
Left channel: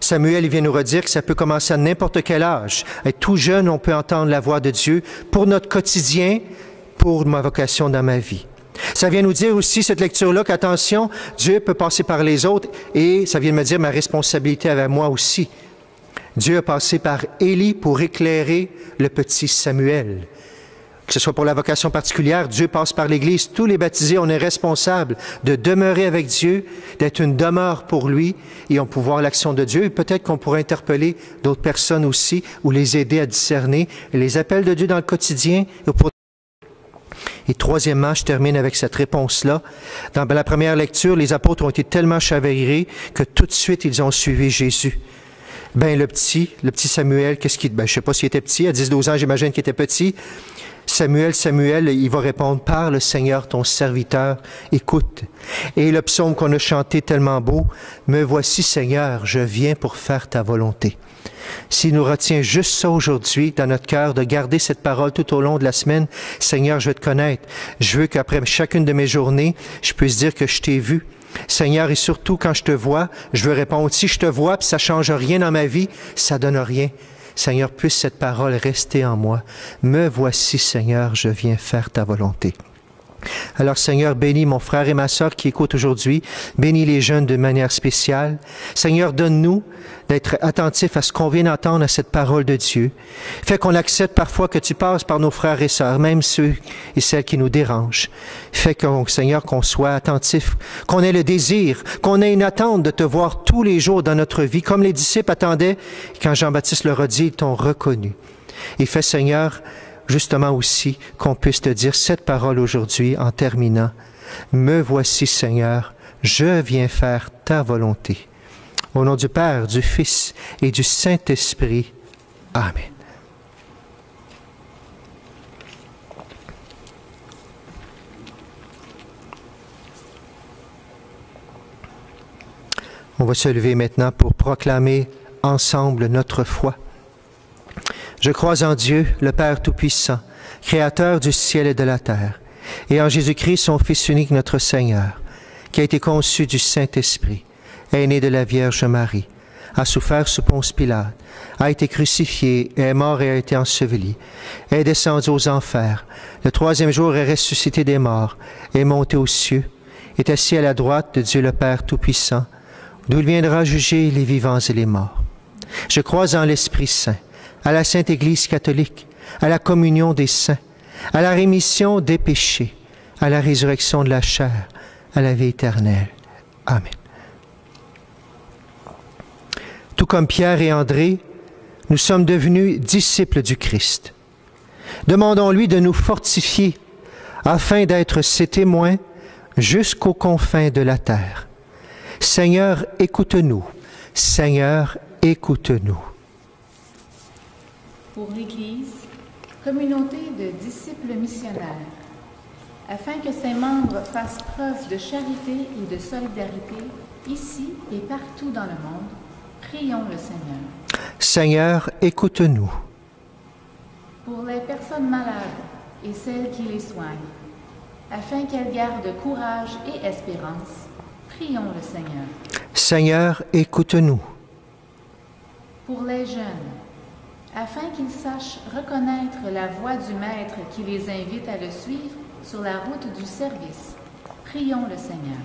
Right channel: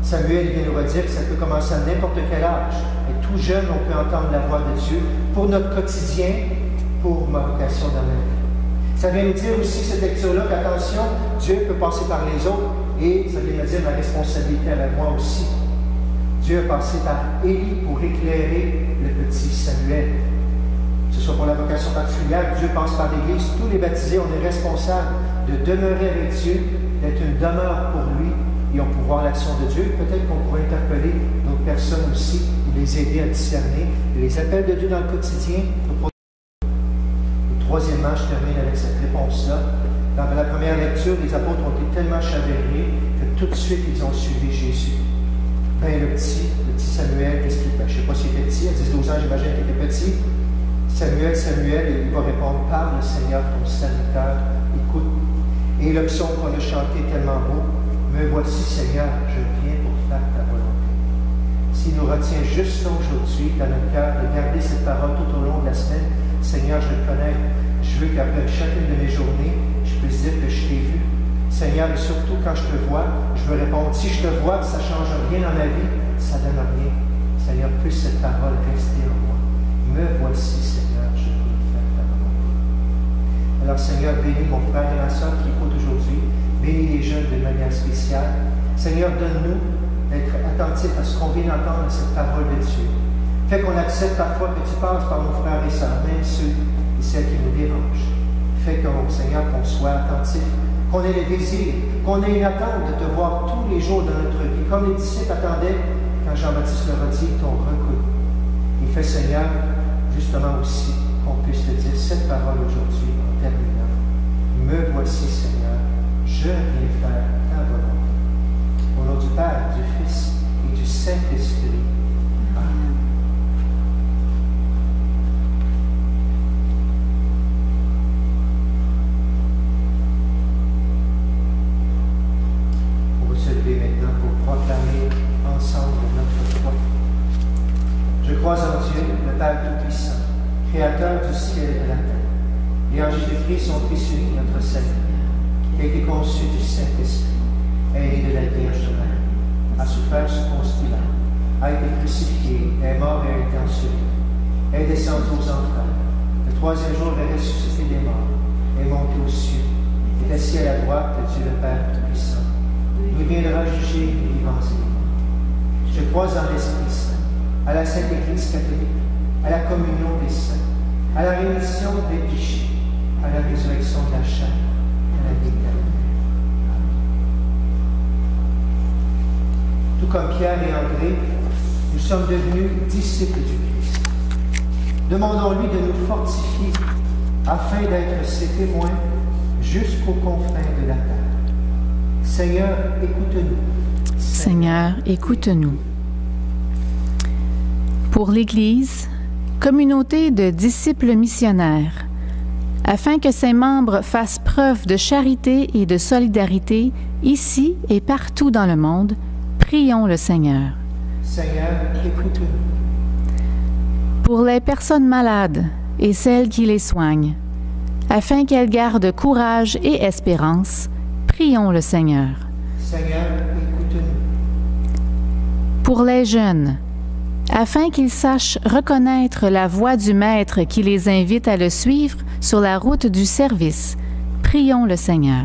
Samuel, il vient nous redire que ça peut commencer à n'importe quel âge. Être tout jeune, on peut entendre la voix de Dieu pour notre quotidien, pour ma vocation dans ma vie. Ça vient nous dire aussi, cette lecture-là, qu'attention, Dieu peut passer par les autres et ça vient me dire ma responsabilité avec moi aussi. Dieu a passé par Élie pour éclairer le petit Samuel. Que ce soit pour la vocation particulière, Dieu passe par l'Église. Tous les baptisés, on est responsables de demeurer avec Dieu, d'être une demeure pour lui et on peut voir l'action de Dieu. Et peut-être qu'on pourrait interpeller d'autres personnes aussi ou les aider à discerner les appels de Dieu dans le quotidien. Et troisièmement, je termine avec cette réponse-là. Dans la première lecture, les apôtres ont été tellement chavirés que tout de suite, ils ont suivi Jésus. Ben le petit Samuel, qu'est-ce qu'il... Ben, je ne sais pas s'il était petit, à 10-12 ans, j'imagine qu'il était petit. Samuel, il va répondre, parle Seigneur, ton serviteur, écoute. Et le psaume qu'on a chanté tellement beau, me voici Seigneur, je viens pour faire ta volonté. S'il nous retient juste ça aujourd'hui dans notre cœur, de garder cette parole tout au long de la semaine, Seigneur, je veux te connaître. Je veux qu'après chacune de mes journées, je puisse dire que je t'ai vu. Seigneur, et surtout quand je te vois, je veux répondre. Si je te vois et ça ne change rien dans ma vie, ça ne donne rien. Seigneur, puisse cette parole rester en moi. Me voici, Seigneur, je viens faire ta volonté. Alors, Seigneur, bénis mon frère et ma sœur qui écoutent aujourd'hui. Bénis les jeunes de manière spéciale. Seigneur, donne-nous d'être attentifs à ce qu'on vient d'entendre à cette parole de Dieu. Fais qu'on accepte parfois que tu passes par nos frères et sœurs, même ceux et celles qui nous dérangent. Fais, Seigneur, qu'on soit attentifs, qu'on ait le désir, qu'on ait une attente de te voir tous les jours dans notre vie, comme les disciples attendaient quand Jean-Baptiste leur a dit, ils t'ont reconnu. Et fais, Seigneur, justement aussi qu'on puisse te dire cette parole aujourd'hui en terminant. Me voici, Seigneur, je viens faire ta volonté. Au nom du Père, du Fils et du Saint-Esprit. Amen. On va se lever maintenant pour proclamer ensemble notre foi. Je crois en Dieu, le Père Tout-Puissant, Créateur du ciel et de la terre, et en Jésus-Christ, son Fils unique, notre Seigneur, qui a été conçu du Saint-Esprit, est né de la Vierge Marie, a souffert sous Ponce Pilate, a été crucifié, est mort et a été enseveli, est descendu aux enfers, le troisième jour est ressuscité des morts, est monté aux cieux, est assis à la droite de Dieu le Père Tout-Puissant, d'où il viendra juger les vivants et les morts. Je crois en l'Esprit Saint, à la Sainte Église catholique, à la communion des saints, à la rémission des péchés, à la résurrection de la chair, à la vie éternelle. Amen. Tout comme Pierre et André, nous sommes devenus disciples du Christ. Demandons-lui de nous fortifier afin d'être ses témoins jusqu'aux confins de la terre. Seigneur, écoute-nous. Seigneur, écoute-nous. Pour l'Église, communauté de disciples missionnaires, afin que ses membres fassent preuve de charité et de solidarité ici et partout dans le monde, prions le Seigneur. Seigneur, écoute-nous. Pour les personnes malades et celles qui les soignent, afin qu'elles gardent courage et espérance, prions le Seigneur. Seigneur, écoute-nous. Pour les jeunes, afin qu'ils sachent reconnaître la voix du Maître qui les invite à le suivre sur la route du service, prions le Seigneur.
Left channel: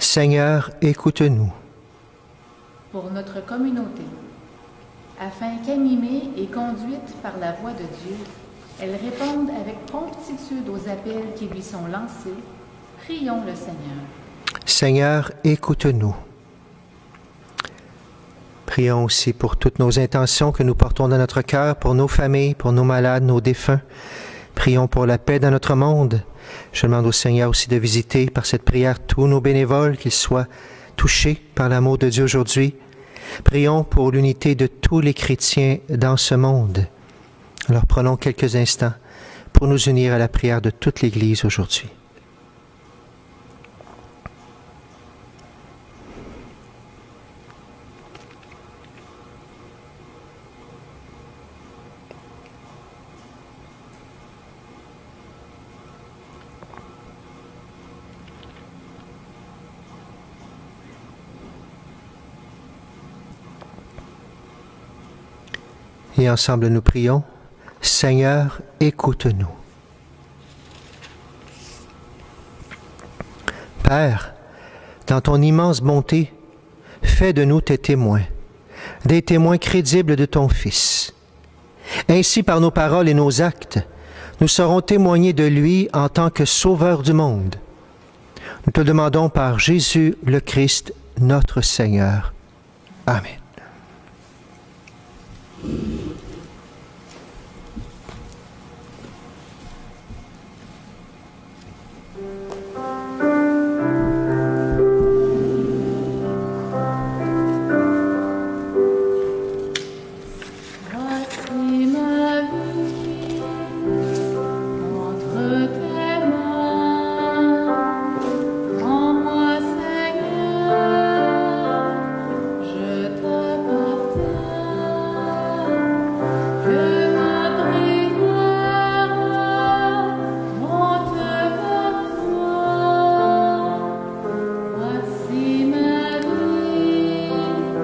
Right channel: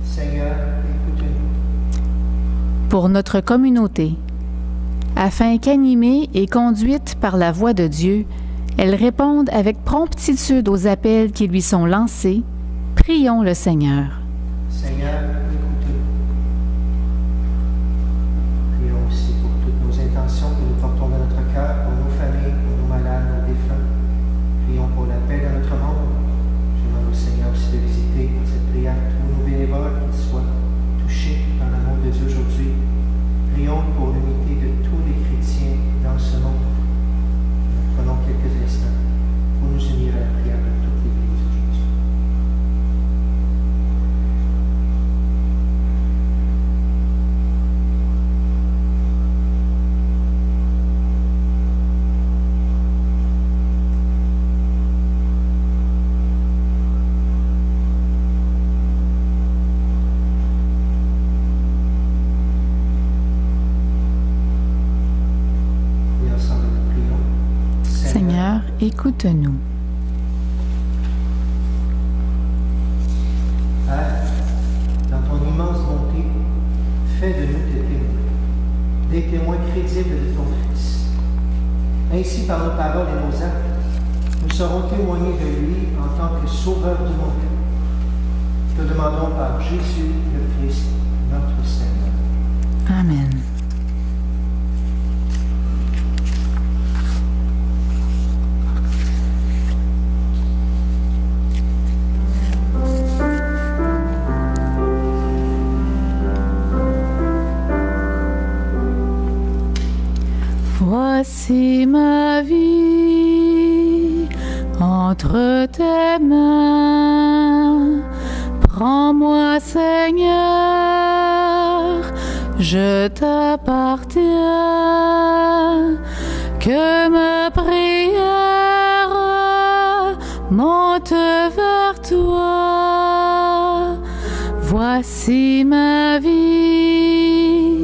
Seigneur, écoute-nous. Pour notre communauté, afin qu'animée et conduite par la voix de Dieu, elle réponde avec promptitude aux appels qui lui sont lancés, prions le Seigneur. Seigneur, écoute-nous. Prions aussi pour toutes nos intentions que nous portons dans notre cœur, pour nos familles, pour nos malades, nos défunts. Prions pour la paix dans notre monde. Je demande au Seigneur aussi de visiter par cette prière tous nos bénévoles, qu'ils soient touchés par l'amour de Dieu aujourd'hui. Prions pour l'unité de tous les chrétiens dans ce monde. Alors prenons quelques instants pour nous unir à la prière de toute l'Église aujourd'hui. Et ensemble nous prions. Seigneur, écoute-nous. Père, dans ton immense bonté, fais de nous tes témoins, des témoins crédibles de ton Fils. Ainsi, par nos paroles et nos actes, nous saurons témoigner de lui en tant que Sauveur du monde. Nous te demandons par Jésus le Christ, notre Seigneur. Amen. Amen. Voici ma vie entre tes mains. Prends-moi, Seigneur, je t'appartiens. Que ma prière monte vers toi. Voici ma vie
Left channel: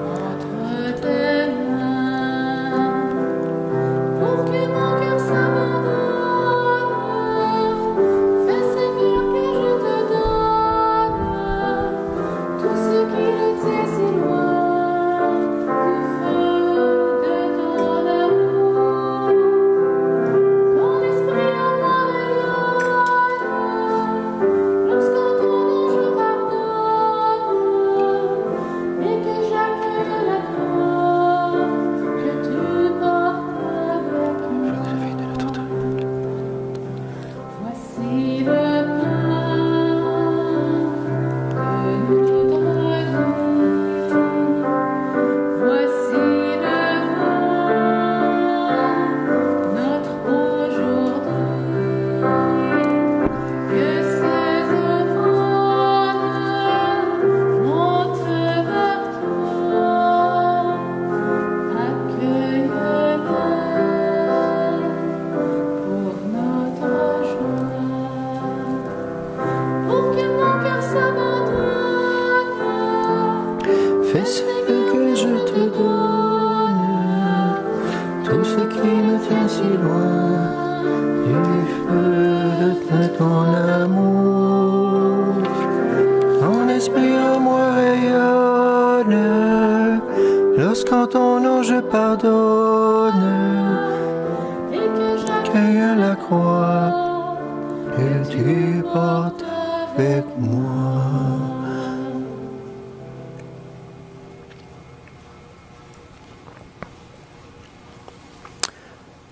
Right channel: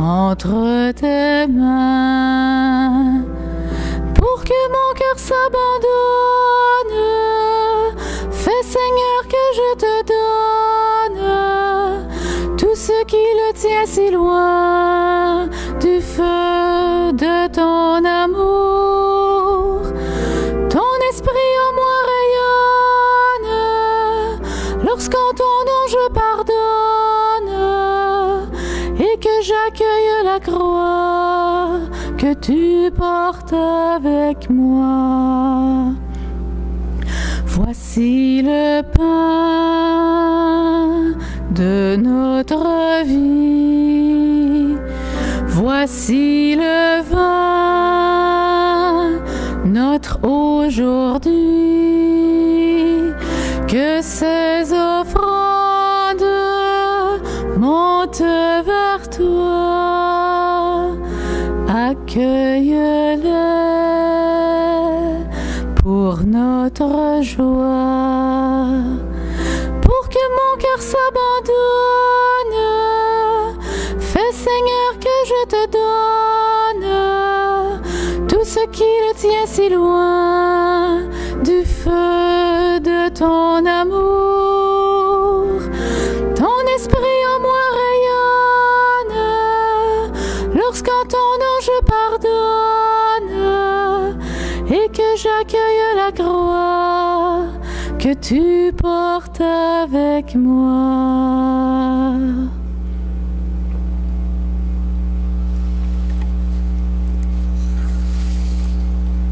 entre tes mains. Pour que mon cœur s'abandonne, fais, Seigneur, que je te donne tout ce qui le tient si loin du feu de ton amour. Ton esprit en moi rayonne lorsqu'en ton nom je pardonne et que j'accueille la croix que tu portes avec moi. Voici le pain de notre vie. Voici le vin, notre aujourd'hui. Que ces offrandes montent vers toi. Accueille-les pour notre joie. Pour que mon cœur s'abandonne, fais, Seigneur, que je te donne tout ce qui le tient si loin du feu de ton amour. Ton esprit en moi rayonne lorsqu'en ton nom je pardonne et que j'accueille la croix que tu portes avec moi.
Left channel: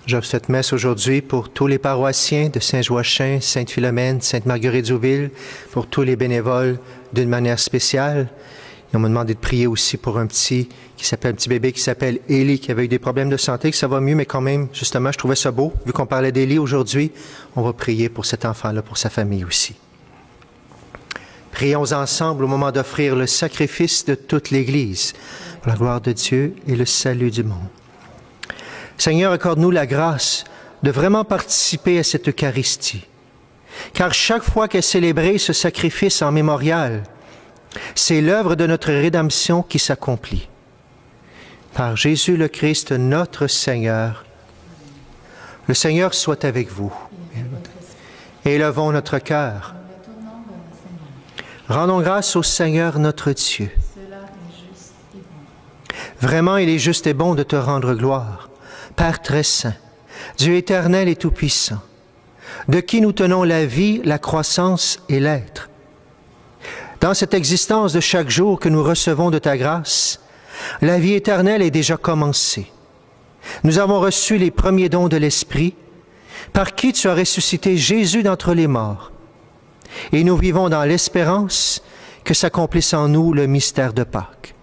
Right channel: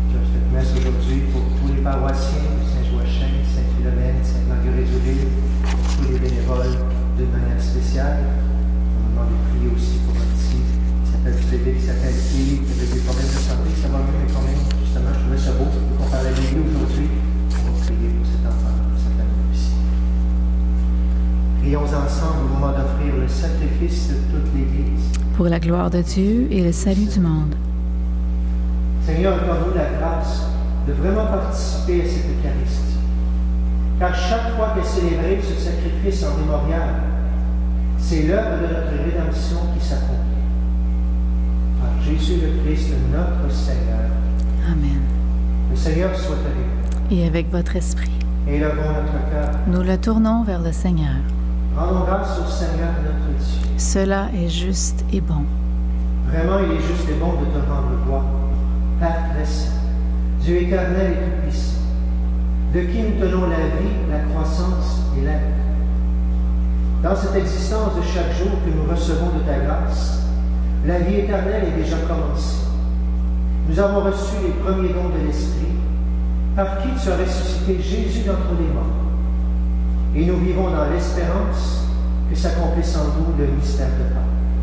J'offre cette messe aujourd'hui pour tous les paroissiens de Saint-Joachim, Sainte-Philomène, Sainte-Marguerite-Zouville, pour tous les bénévoles d'une manière spéciale. Et on m'a demandé de prier aussi pour un petit bébé qui s'appelle Élie, qui avait eu des problèmes de santé, que ça va mieux, mais quand même, justement, je trouvais ça beau. Vu qu'on parlait d'Élie aujourd'hui, on va prier pour cet enfant-là, pour sa famille aussi. Prions ensemble au moment d'offrir le sacrifice de toute l'Église. Pour la gloire de Dieu et le salut du monde. Seigneur, accorde-nous la grâce de vraiment participer à cette Eucharistie. Car chaque fois qu'est célébré ce sacrifice en mémorial, c'est l'œuvre de notre rédemption qui s'accomplit. Par Jésus le Christ, notre Seigneur. Amen. Le Seigneur soit avec vous. Et avec votre esprit. Élevons notre cœur. Nous le tournons vers le Seigneur. Rendons grâce au Seigneur notre Dieu. Cela est juste et bon. Vraiment, il est juste et bon de te rendre gloire. Père très saint, Dieu éternel et tout-puissant, de qui nous tenons la vie, la croissance et l'être. Dans cette existence de chaque jour que nous recevons de ta grâce, la vie éternelle est déjà commencée. Nous avons reçu les premiers dons de l'Esprit, par qui tu as ressuscité Jésus d'entre les morts. Et nous vivons dans l'espérance que s'accomplisse en nous le mystère de Pâques.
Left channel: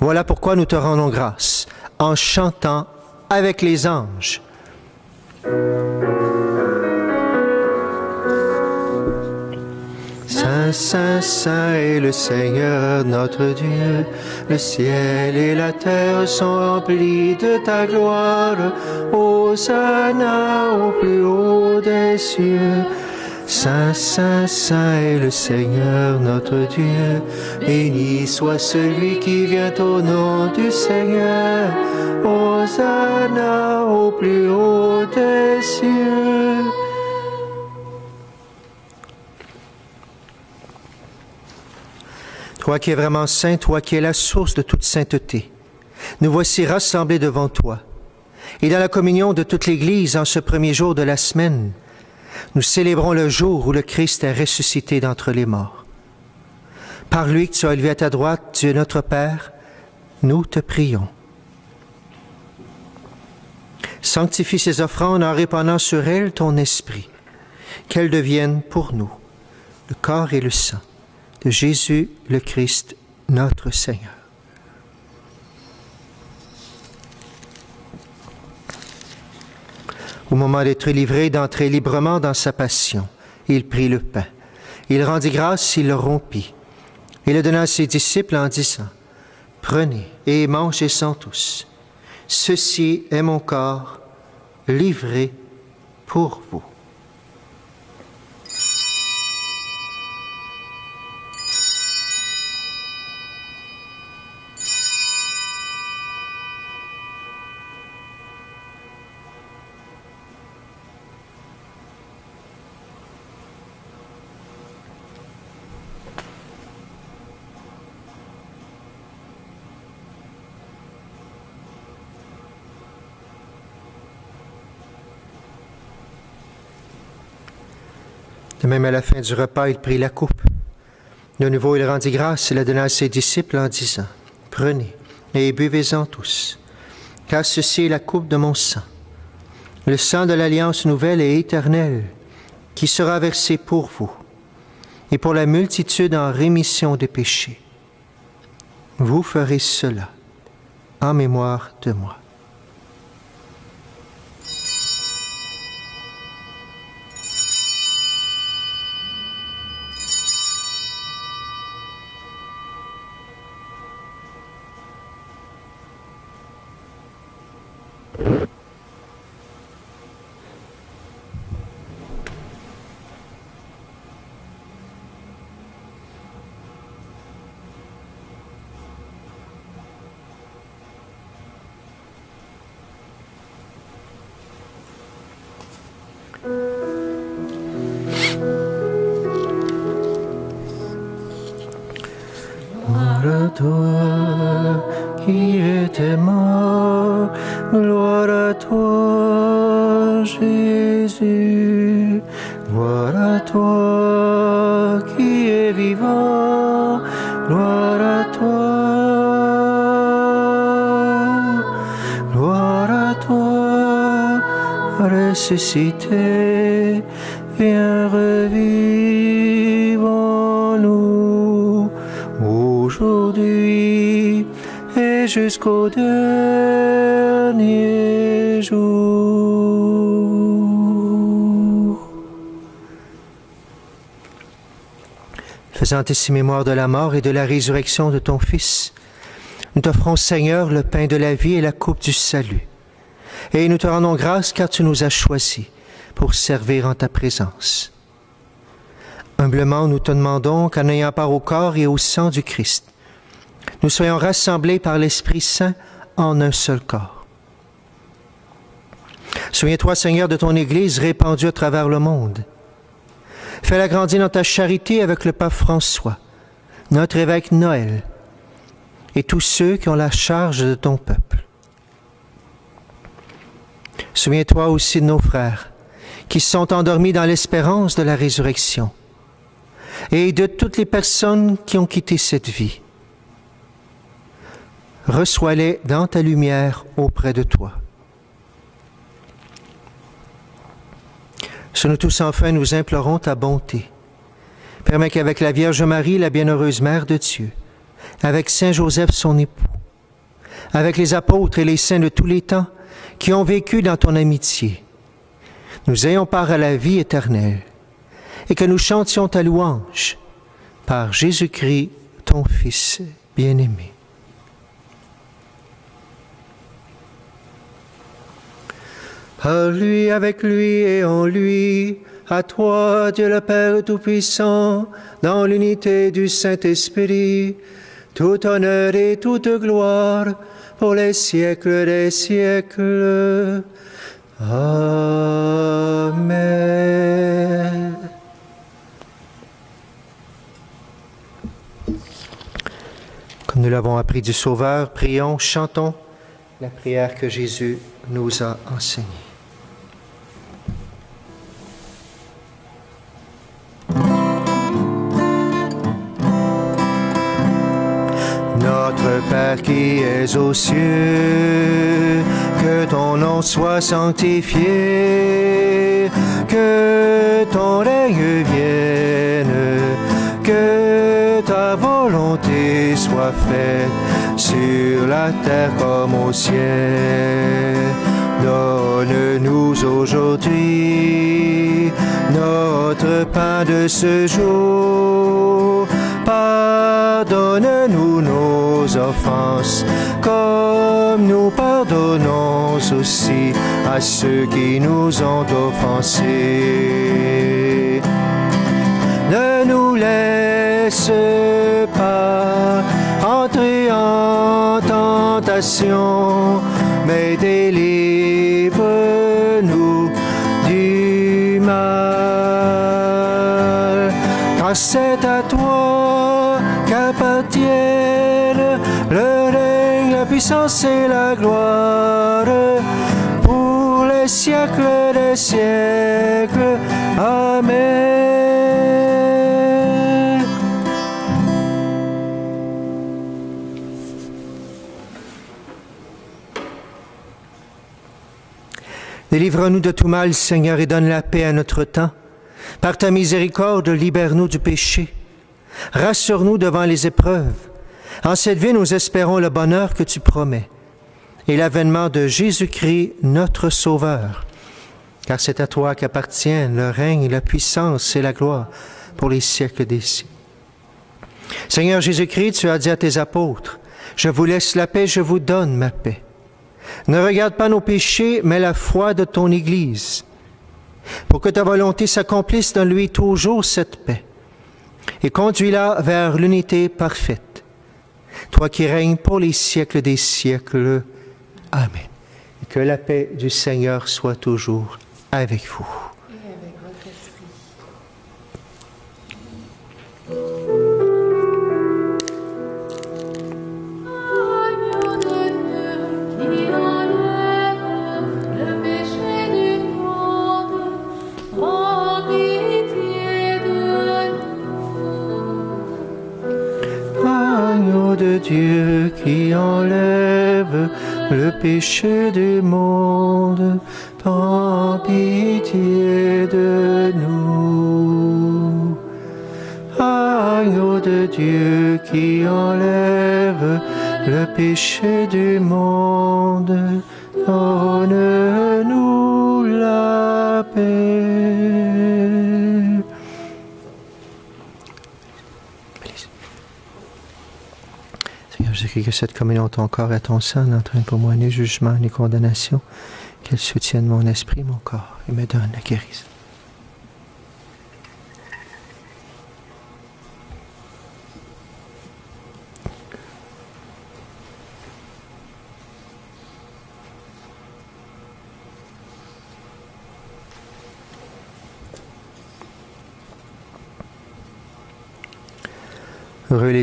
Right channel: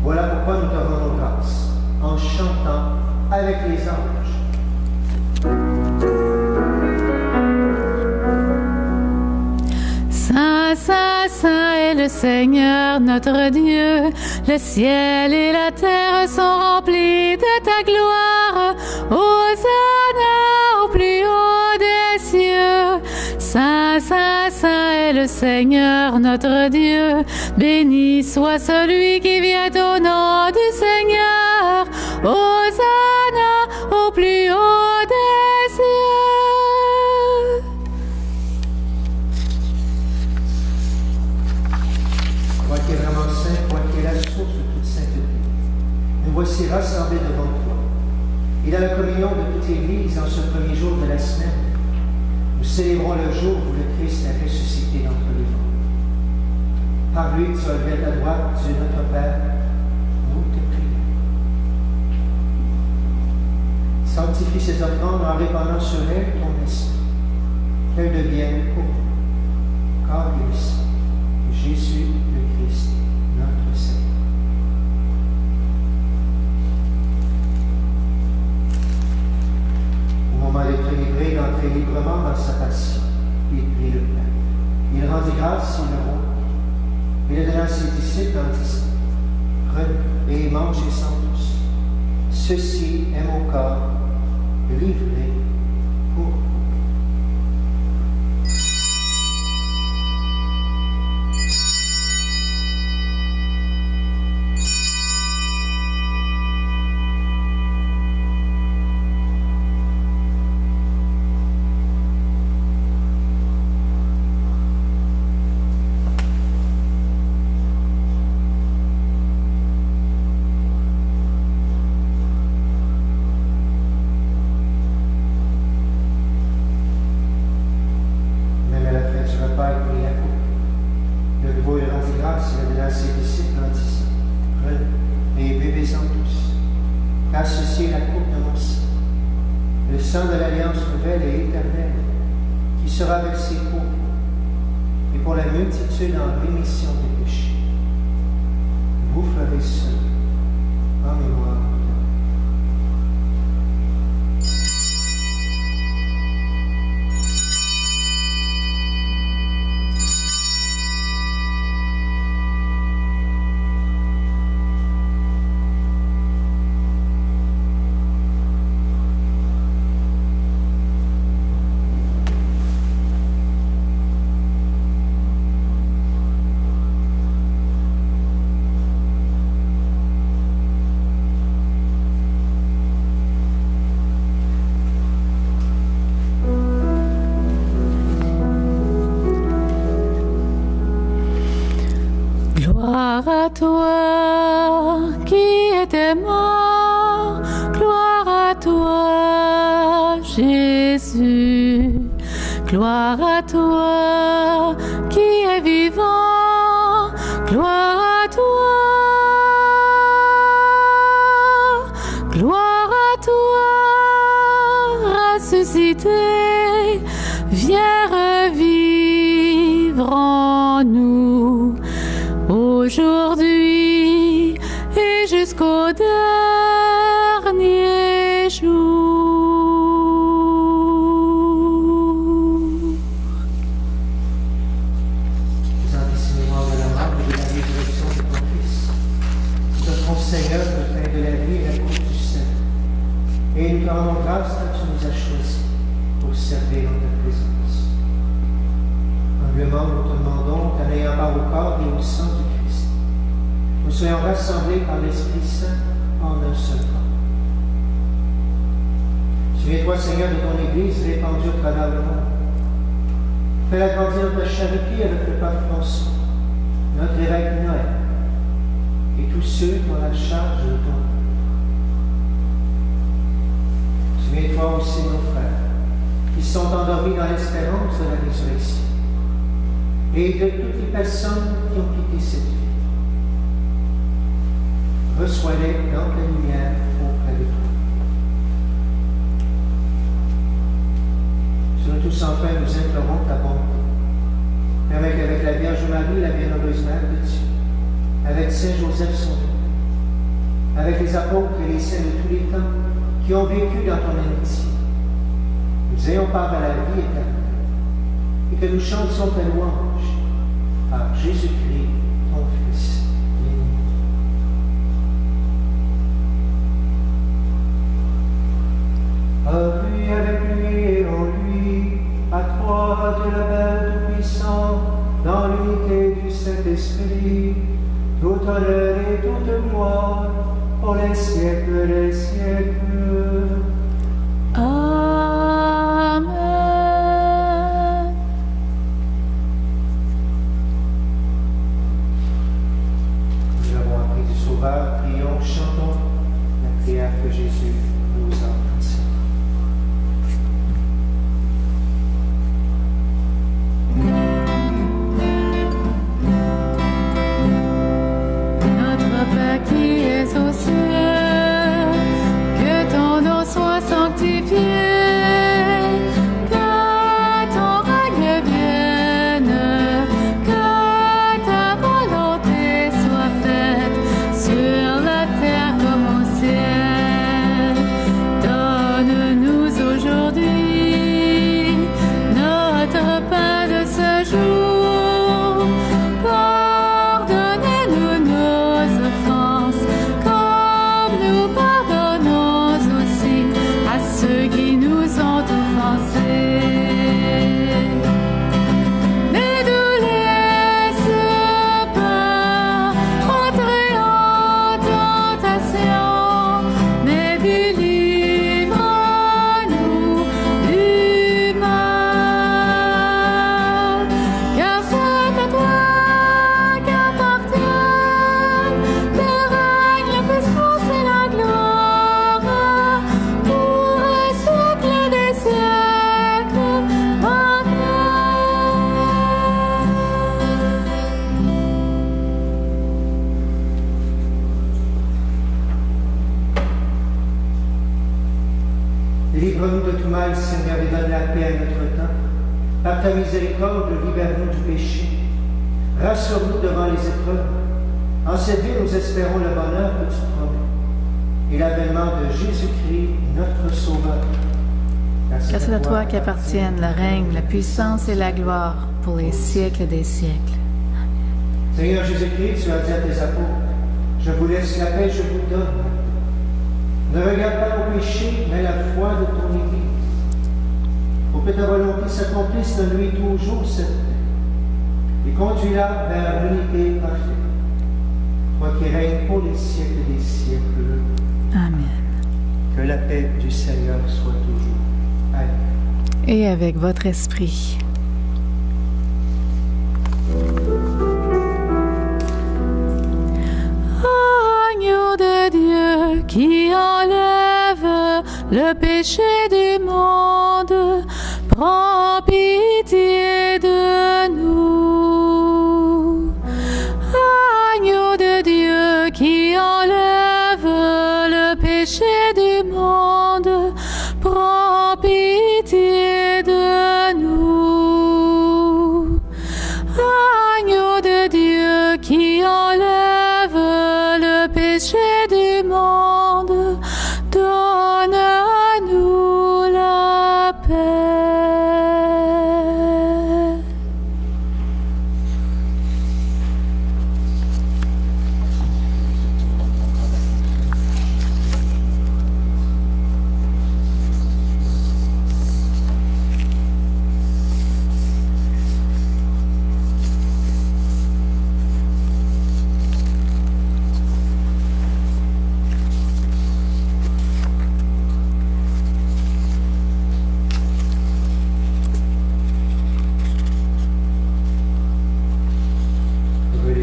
Voilà pourquoi nous te rendons grâce en chantant avec les anges. Saint, Saint, Saint est le Seigneur notre Dieu. Le ciel et la terre sont remplis de ta gloire. Hosanna au plus haut des cieux. Saint, Saint, Saint est le Seigneur notre Dieu. Béni soit celui qui vient au nom du Seigneur. Hosanna au plus haut des cieux. Toi qui es vraiment saint, toi qui es la source de toute sainteté, nous voici rassemblés devant toi. Et dans la communion de toute l'Église, en ce premier jour de la semaine, nous célébrons le jour où le Christ est ressuscité d'entre les morts. Par lui que tu as élevé à ta droite, Dieu notre Père, nous te prions. Sanctifie ces offrandes en répandant sur elles ton esprit, qu'elles deviennent pour nous le corps et le sang de Jésus le Christ, notre Seigneur. Au moment d'être livré, d'entrer librement dans sa passion, il prit le pain. Il rendit grâce, il le rompit, et le donna à ses disciples en disant, « Prenez et mangez-en tous. Ceci est mon corps livré pour vous. » De même, à la fin du repas, il prit la coupe. De nouveau, il rendit grâce et la donna à ses disciples en disant, « Prenez et buvez-en tous, car ceci est la coupe de mon sang, le sang de l'alliance nouvelle et éternelle, qui sera versé pour vous et pour la multitude en rémission des péchés. Vous ferez cela en mémoire de moi. » Gloire à toi qui étais mort, gloire à toi Jésus, gloire à toi qui es vivant, gloire à toi ressuscité, viens revivre en nous aujourd'hui et jusqu'au dernier jour. Faisant ainsi mémoire de la mort et de la résurrection de ton Fils, nous t'offrons, Seigneur, le pain de la vie et la coupe du salut. Et nous te rendons grâce car tu nous as choisis pour servir en ta présence. Humblement, nous te demandons qu'en ayant part au corps et au sang du Christ, nous soyons rassemblés par l'Esprit Saint en un seul corps. Souviens-toi, Seigneur, de ton Église répandue à travers le monde. Fais Fais-la grandir dans ta charité avec le pape François, notre évêque Noël, et tous ceux qui ont la charge de ton peuple. Souviens-toi aussi de nos frères qui sont endormis dans l'espérance de la résurrection et de toutes les personnes qui ont quitté cette vie. Reçois-les dans ta lumière auprès de toi. Sur nous tous enfin, nous implorons ta bonté. Permets qu'avec la Vierge Marie, la bienheureuse Mère de Dieu, avec Saint Joseph son époux, avec les apôtres et les saints de tous les temps qui ont vécu dans ton amitié, nous ayons part à la vie éternelle et que nous chantions ta louange par Jésus-Christ, ton Fils bien-aimé. Par lui, avec lui et en lui, à toi, Dieu le Père Tout-Puissant, dans l'unité du Saint-Esprit, tout honneur et toute gloire pour les siècles des siècles. Amen. Comme nous l'avons appris du Sauveur, prions, chantons la prière que Jésus nous a enseignée. Qui es aux cieux, que ton nom soit sanctifié, que ton règne vienne, que ta volonté soit faite sur la terre comme au ciel. Donne-nous aujourd'hui notre pain de ce jour. Pardonne-nous nos offenses, comme nous pardonnons aussi à ceux qui nous ont offensés. Ne nous laisse pas entrer en tentation, mais délivre-nous du mal. Car c'est à toi et la gloire pour les siècles des siècles. Amen. Délivre-nous de tout mal, Seigneur, et donne la paix à notre temps. Par ta miséricorde, libère-nous du péché. Rassure-nous devant les épreuves. En cette vie, nous espérons le bonheur que tu promets et l'avènement de Jésus-Christ, notre Sauveur. Car c'est à toi qu'appartiennent le règne, la puissance et la gloire pour les siècles des siècles. Seigneur Jésus-Christ, tu as dit à tes apôtres, « Je vous laisse la paix, je vous donne ma paix. » Ne regarde pas nos péchés, mais la foi de ton Église. Pour que ta volonté s'accomplisse, donne-lui toujours cette paix et conduis-la vers l'unité parfaite. Toi qui règnes pour les siècles des siècles. Amen. Amen. Que la paix du Seigneur soit toujours avec vous. Et avec votre esprit. Agneau de Dieu qui enlève le péché du monde, prends pitié de nous. Agneau de Dieu qui enlève le péché du monde, prends pitié de nous. Agneau de Dieu qui enlève le péché du monde, donne à nous la paix. Seigneur, je prie que cette communion, ton corps et ton sang, n'entraîne pour moi ni jugement ni condamnation, qu'elle soutienne mon esprit, mon corps, et me donne la guérison.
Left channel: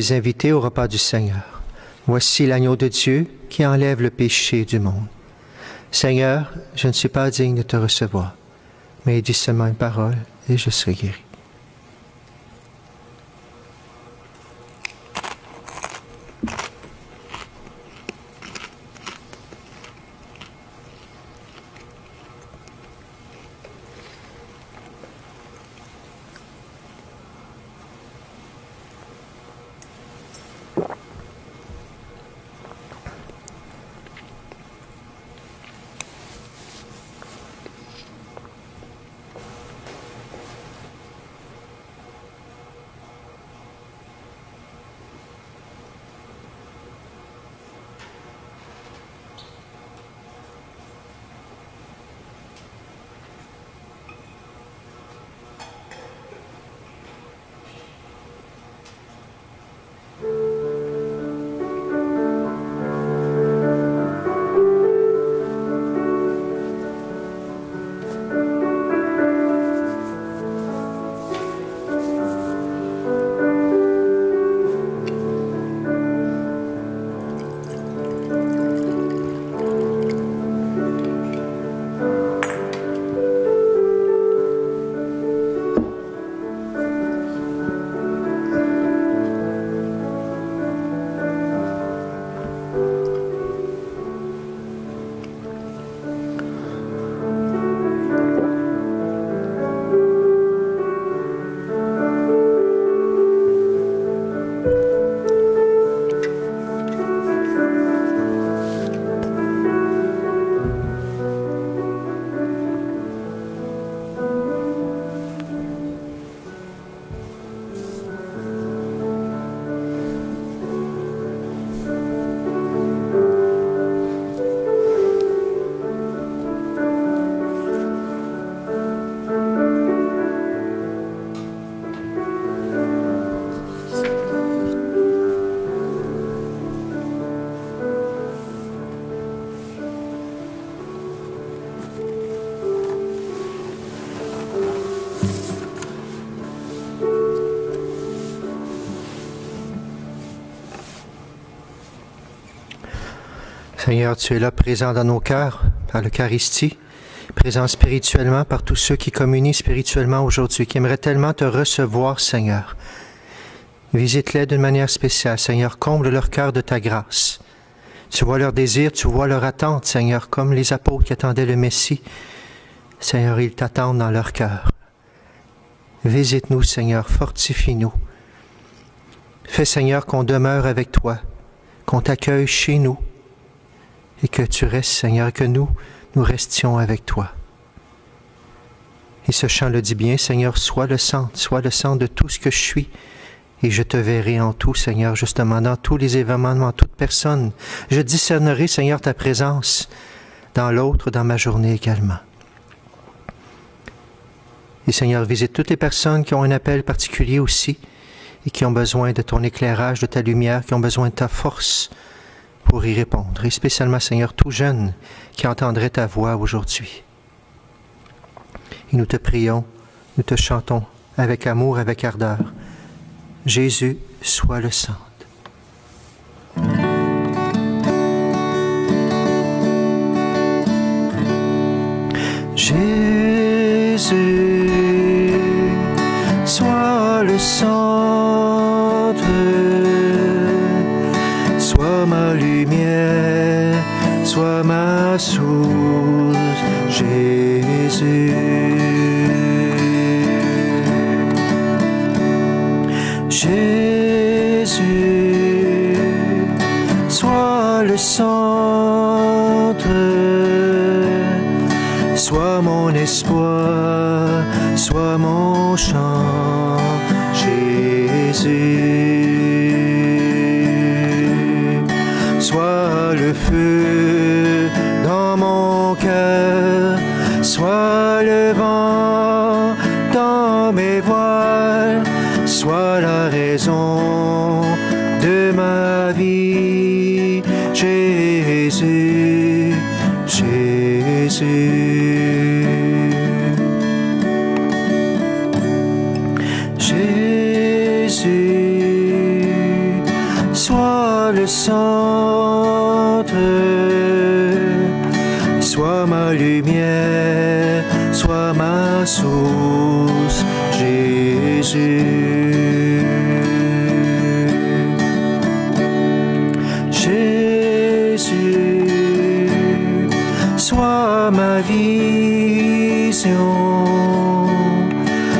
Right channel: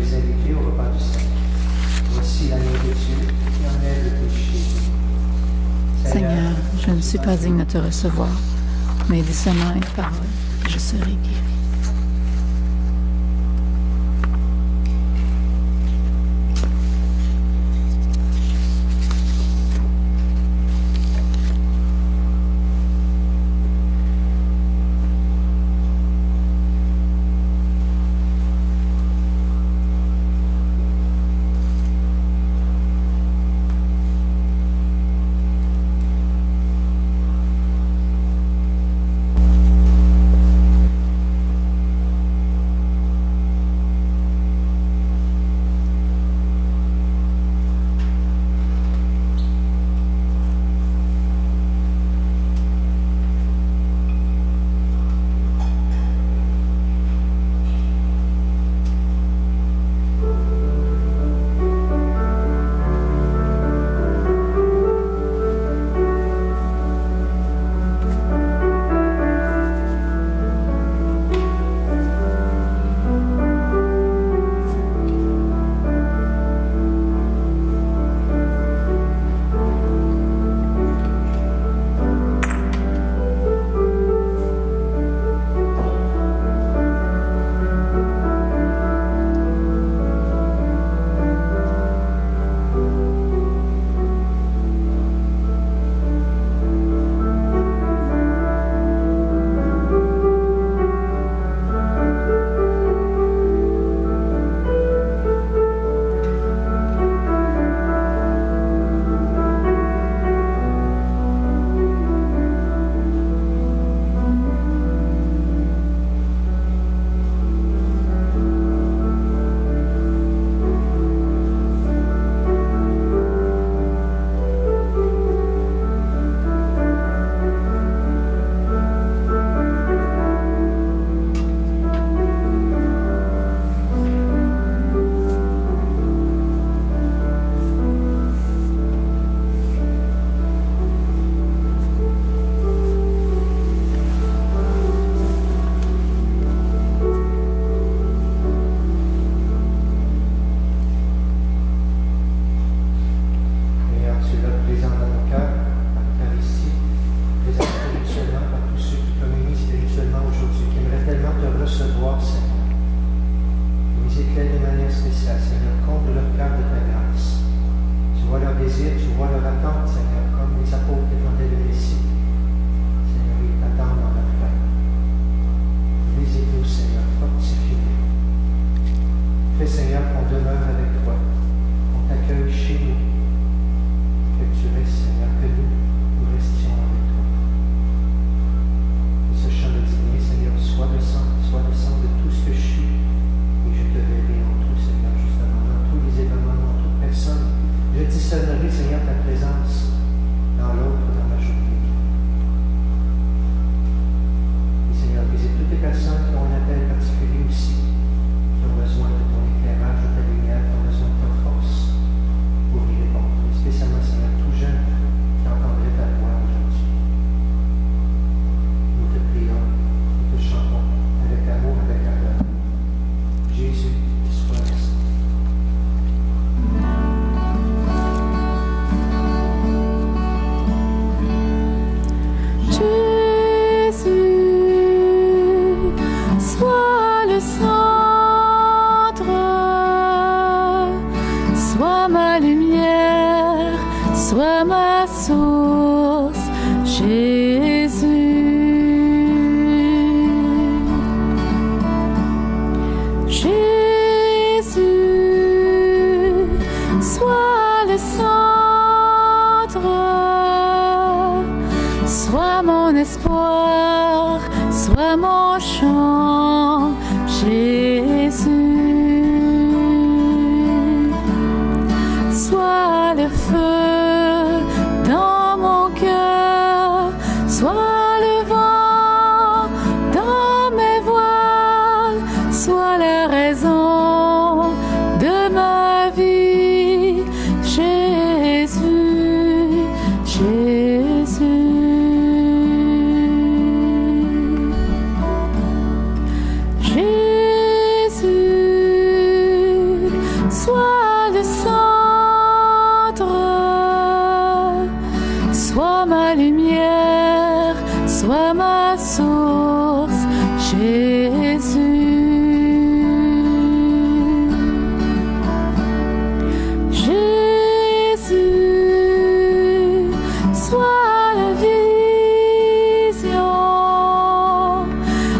les inviter au repas du Seigneur. Voici l'agneau de Dieu qui enlève le péché du monde. Seigneur, je ne suis pas digne de te recevoir, mais dis seulement une parole et je serai guéri. Seigneur, tu es là présent dans nos cœurs par l'Eucharistie, présent spirituellement par tous ceux qui communient spirituellement aujourd'hui, qui aimeraient tellement te recevoir, Seigneur. Visite-les d'une manière spéciale, Seigneur, comble leur cœur de ta grâce. Tu vois leurs désirs, tu vois leur attente, Seigneur, comme les apôtres qui attendaient le Messie. Seigneur, ils t'attendent dans leur cœur. Visite-nous, Seigneur, fortifie-nous. Fais, Seigneur, qu'on demeure avec toi, qu'on t'accueille chez nous, et que tu restes, Seigneur, que nous restions avec toi. Et ce chant le dit bien, Seigneur, sois le centre de tout ce que je suis, et je te verrai en tout, Seigneur, justement, dans tous les événements, dans toute personne. Je discernerai, Seigneur, ta présence dans l'autre, dans ma journée également. Et Seigneur, visite toutes les personnes qui ont un appel particulier aussi, et qui ont besoin de ton éclairage, de ta lumière, qui ont besoin de ta force, pour y répondre, et spécialement, Seigneur, tout jeune qui entendrait ta voix aujourd'hui. Et nous te prions, nous te chantons avec amour, avec ardeur. Jésus, sois le centre. Jésus, sois le centre. Sois ma lumière, sois ma source, Jésus. Jésus, sois le centre, sois mon espoir, sois mon chant, Jésus. Sois le feu dans mon cœur, sois le vent dans mes voiles, sois la raison de ma vie, Jésus, Jésus. Jésus, sois le centre, sois ma lumière, sois ma source, Jésus. Jésus, sois ma vision,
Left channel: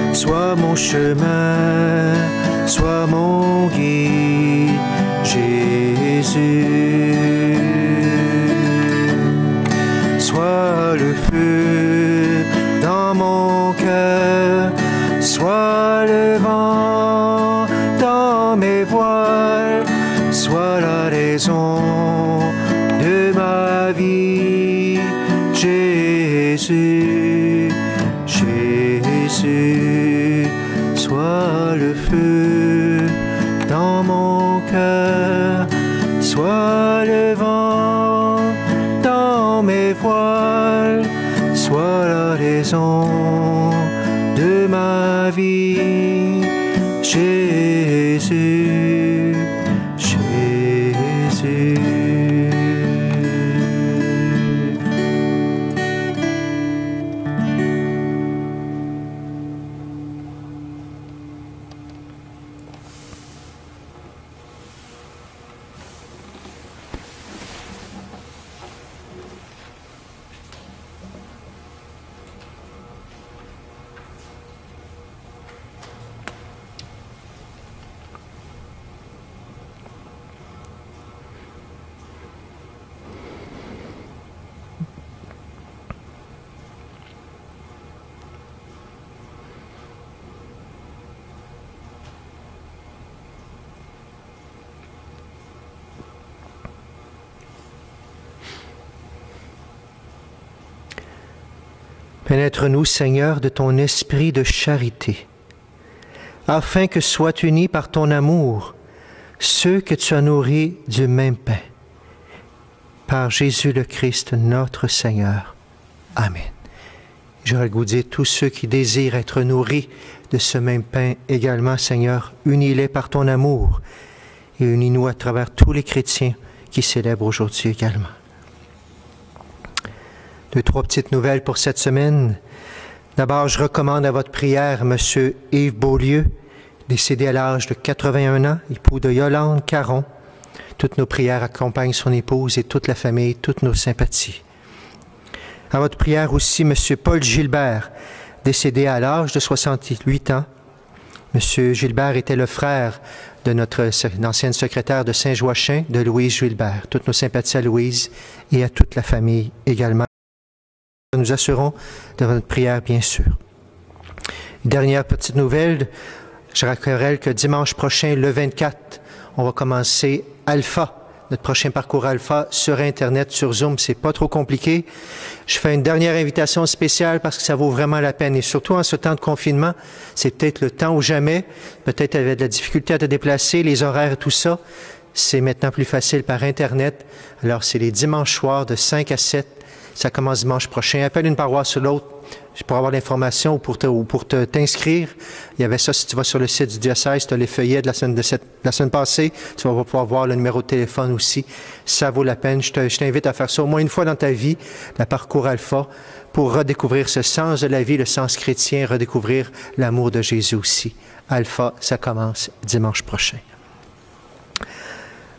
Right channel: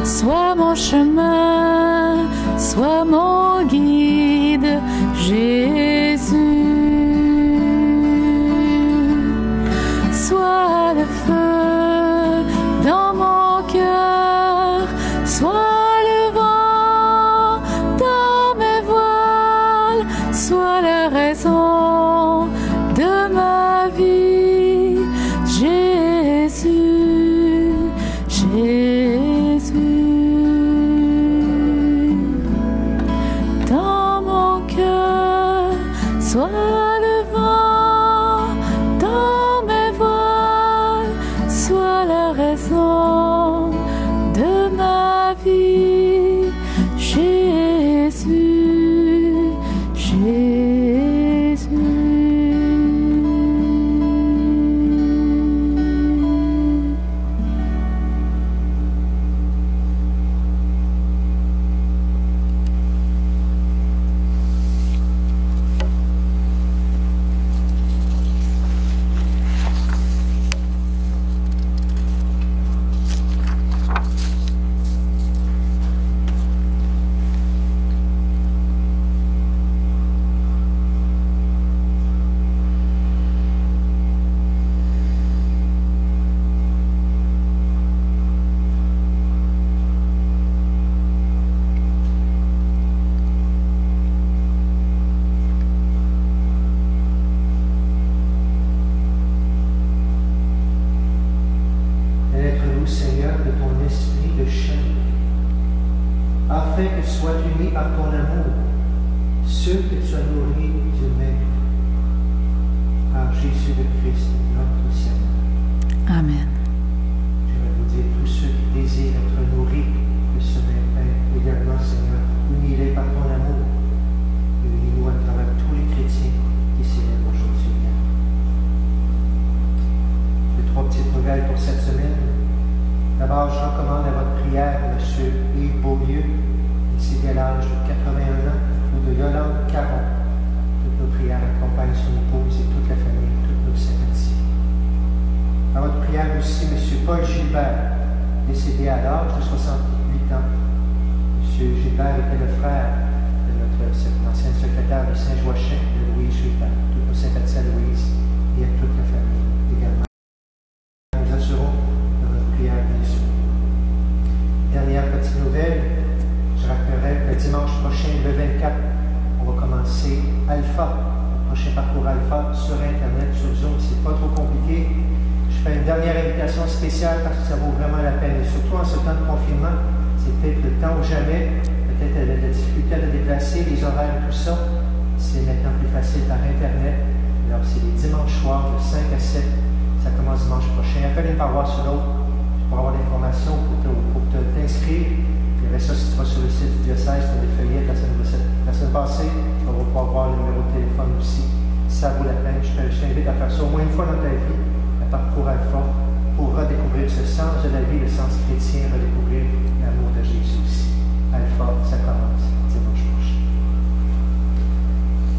sois mon chemin, sois mon guide, Jésus. Sois le feu dans mon cœur, sois le vent dans mes voiles, sois la raison de ma vie, Jésus, Jésus. Sois le feu dans mon cœur, sois le vent dans mes voiles, sois la raison de ma vie, Jésus, Jésus. Pénètre-nous, Seigneur, de ton esprit de charité, afin que soient unis par ton amour ceux que tu as nourris du même pain. Par Jésus le Christ, notre Seigneur. Amen. J'aurais le goût de dire, tous ceux qui désirent être nourris de ce même pain également, Seigneur, unis-les par ton amour et unis-nous à travers tous les chrétiens qui célèbrent aujourd'hui également. Deux, trois petites nouvelles pour cette semaine. D'abord, je recommande à votre prière M. Yves Beaulieu, décédé à l'âge de 81 ans, époux de Yolande Caron. Toutes nos prières accompagnent son épouse et toute la famille, toutes nos sympathies. À votre prière aussi, M. Paul Gilbert, décédé à l'âge de 68 ans. M. Gilbert était le frère de notre ancienne secrétaire de Saint-Joachim, de Louise Gilbert. Toutes nos sympathies à Louise et à toute la famille également. Nous assurons de votre prière, bien sûr. Dernière petite nouvelle, je rappellerai que dimanche prochain, le 24, on va commencer Alpha, notre prochain parcours Alpha sur Internet, sur Zoom. C'est pas trop compliqué. Je fais une dernière invitation spéciale parce que ça vaut vraiment la peine. Et surtout en ce temps de confinement, c'est peut-être le temps ou jamais. Peut-être avec de la difficulté à te déplacer, les horaires, tout ça. C'est maintenant plus facile par Internet. Alors, c'est les dimanches soirs de 5 à 7. Ça commence dimanche prochain. Appelle une paroisse sur l'autre pour avoir l'information ou pour t'inscrire. Il y avait ça, si tu vas sur le site du diocèse, tu as les feuillets de la semaine passée. Tu vas pouvoir voir le numéro de téléphone aussi. Ça vaut la peine. Je t'invite à faire ça au moins une fois dans ta vie, le parcours Alpha, pour redécouvrir ce sens de la vie, le sens chrétien, redécouvrir l'amour de Jésus aussi. Alpha, ça commence dimanche prochain.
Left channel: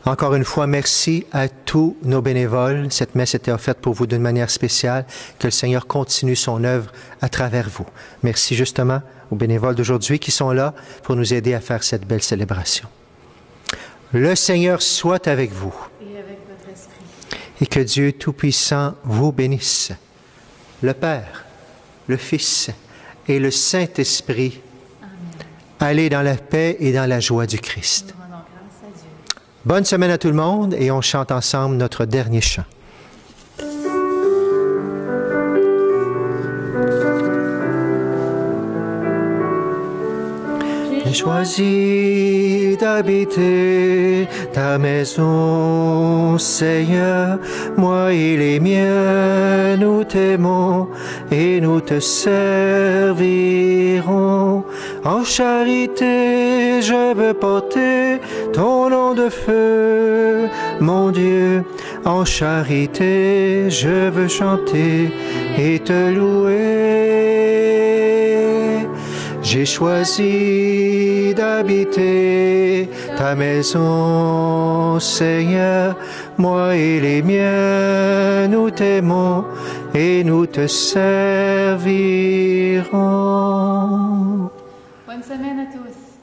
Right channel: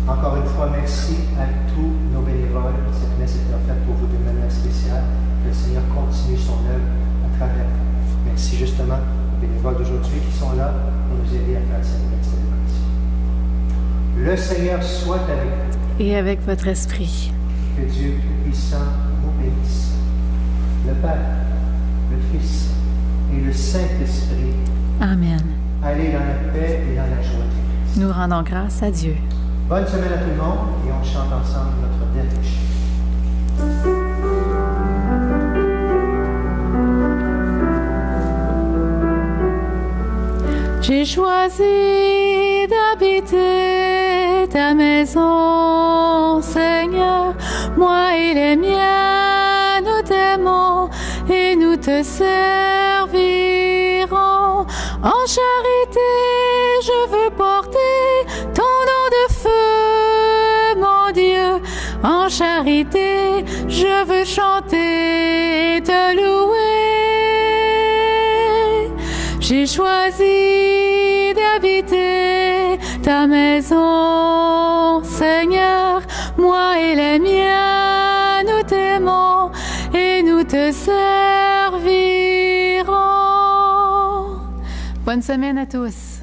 Encore une fois, merci à tous nos bénévoles. Cette messe était offerte pour vous d'une manière spéciale. Que le Seigneur continue son œuvre à travers vous. Merci justement aux bénévoles d'aujourd'hui qui sont là pour nous aider à faire cette belle célébration. Le Seigneur soit avec vous. Et avec votre esprit. Et que Dieu Tout-Puissant vous bénisse. Le Père, le Fils et le Saint-Esprit. Amen. Allez dans la paix et dans la joie du Christ. Nous rendons grâce à Dieu. Bonne semaine à tout le monde et on chante ensemble notre dernier chant. J'ai choisi d'habiter ta maison, Seigneur. Moi et les miens, nous t'aimons et nous te servirons. En charité, je veux porter ton nom de de feu, mon Dieu, en charité, je veux chanter et te louer. J'ai choisi d'habiter ta maison, Seigneur, moi et les miens, nous t'aimons et nous te servirons. Bonne semaine à tous.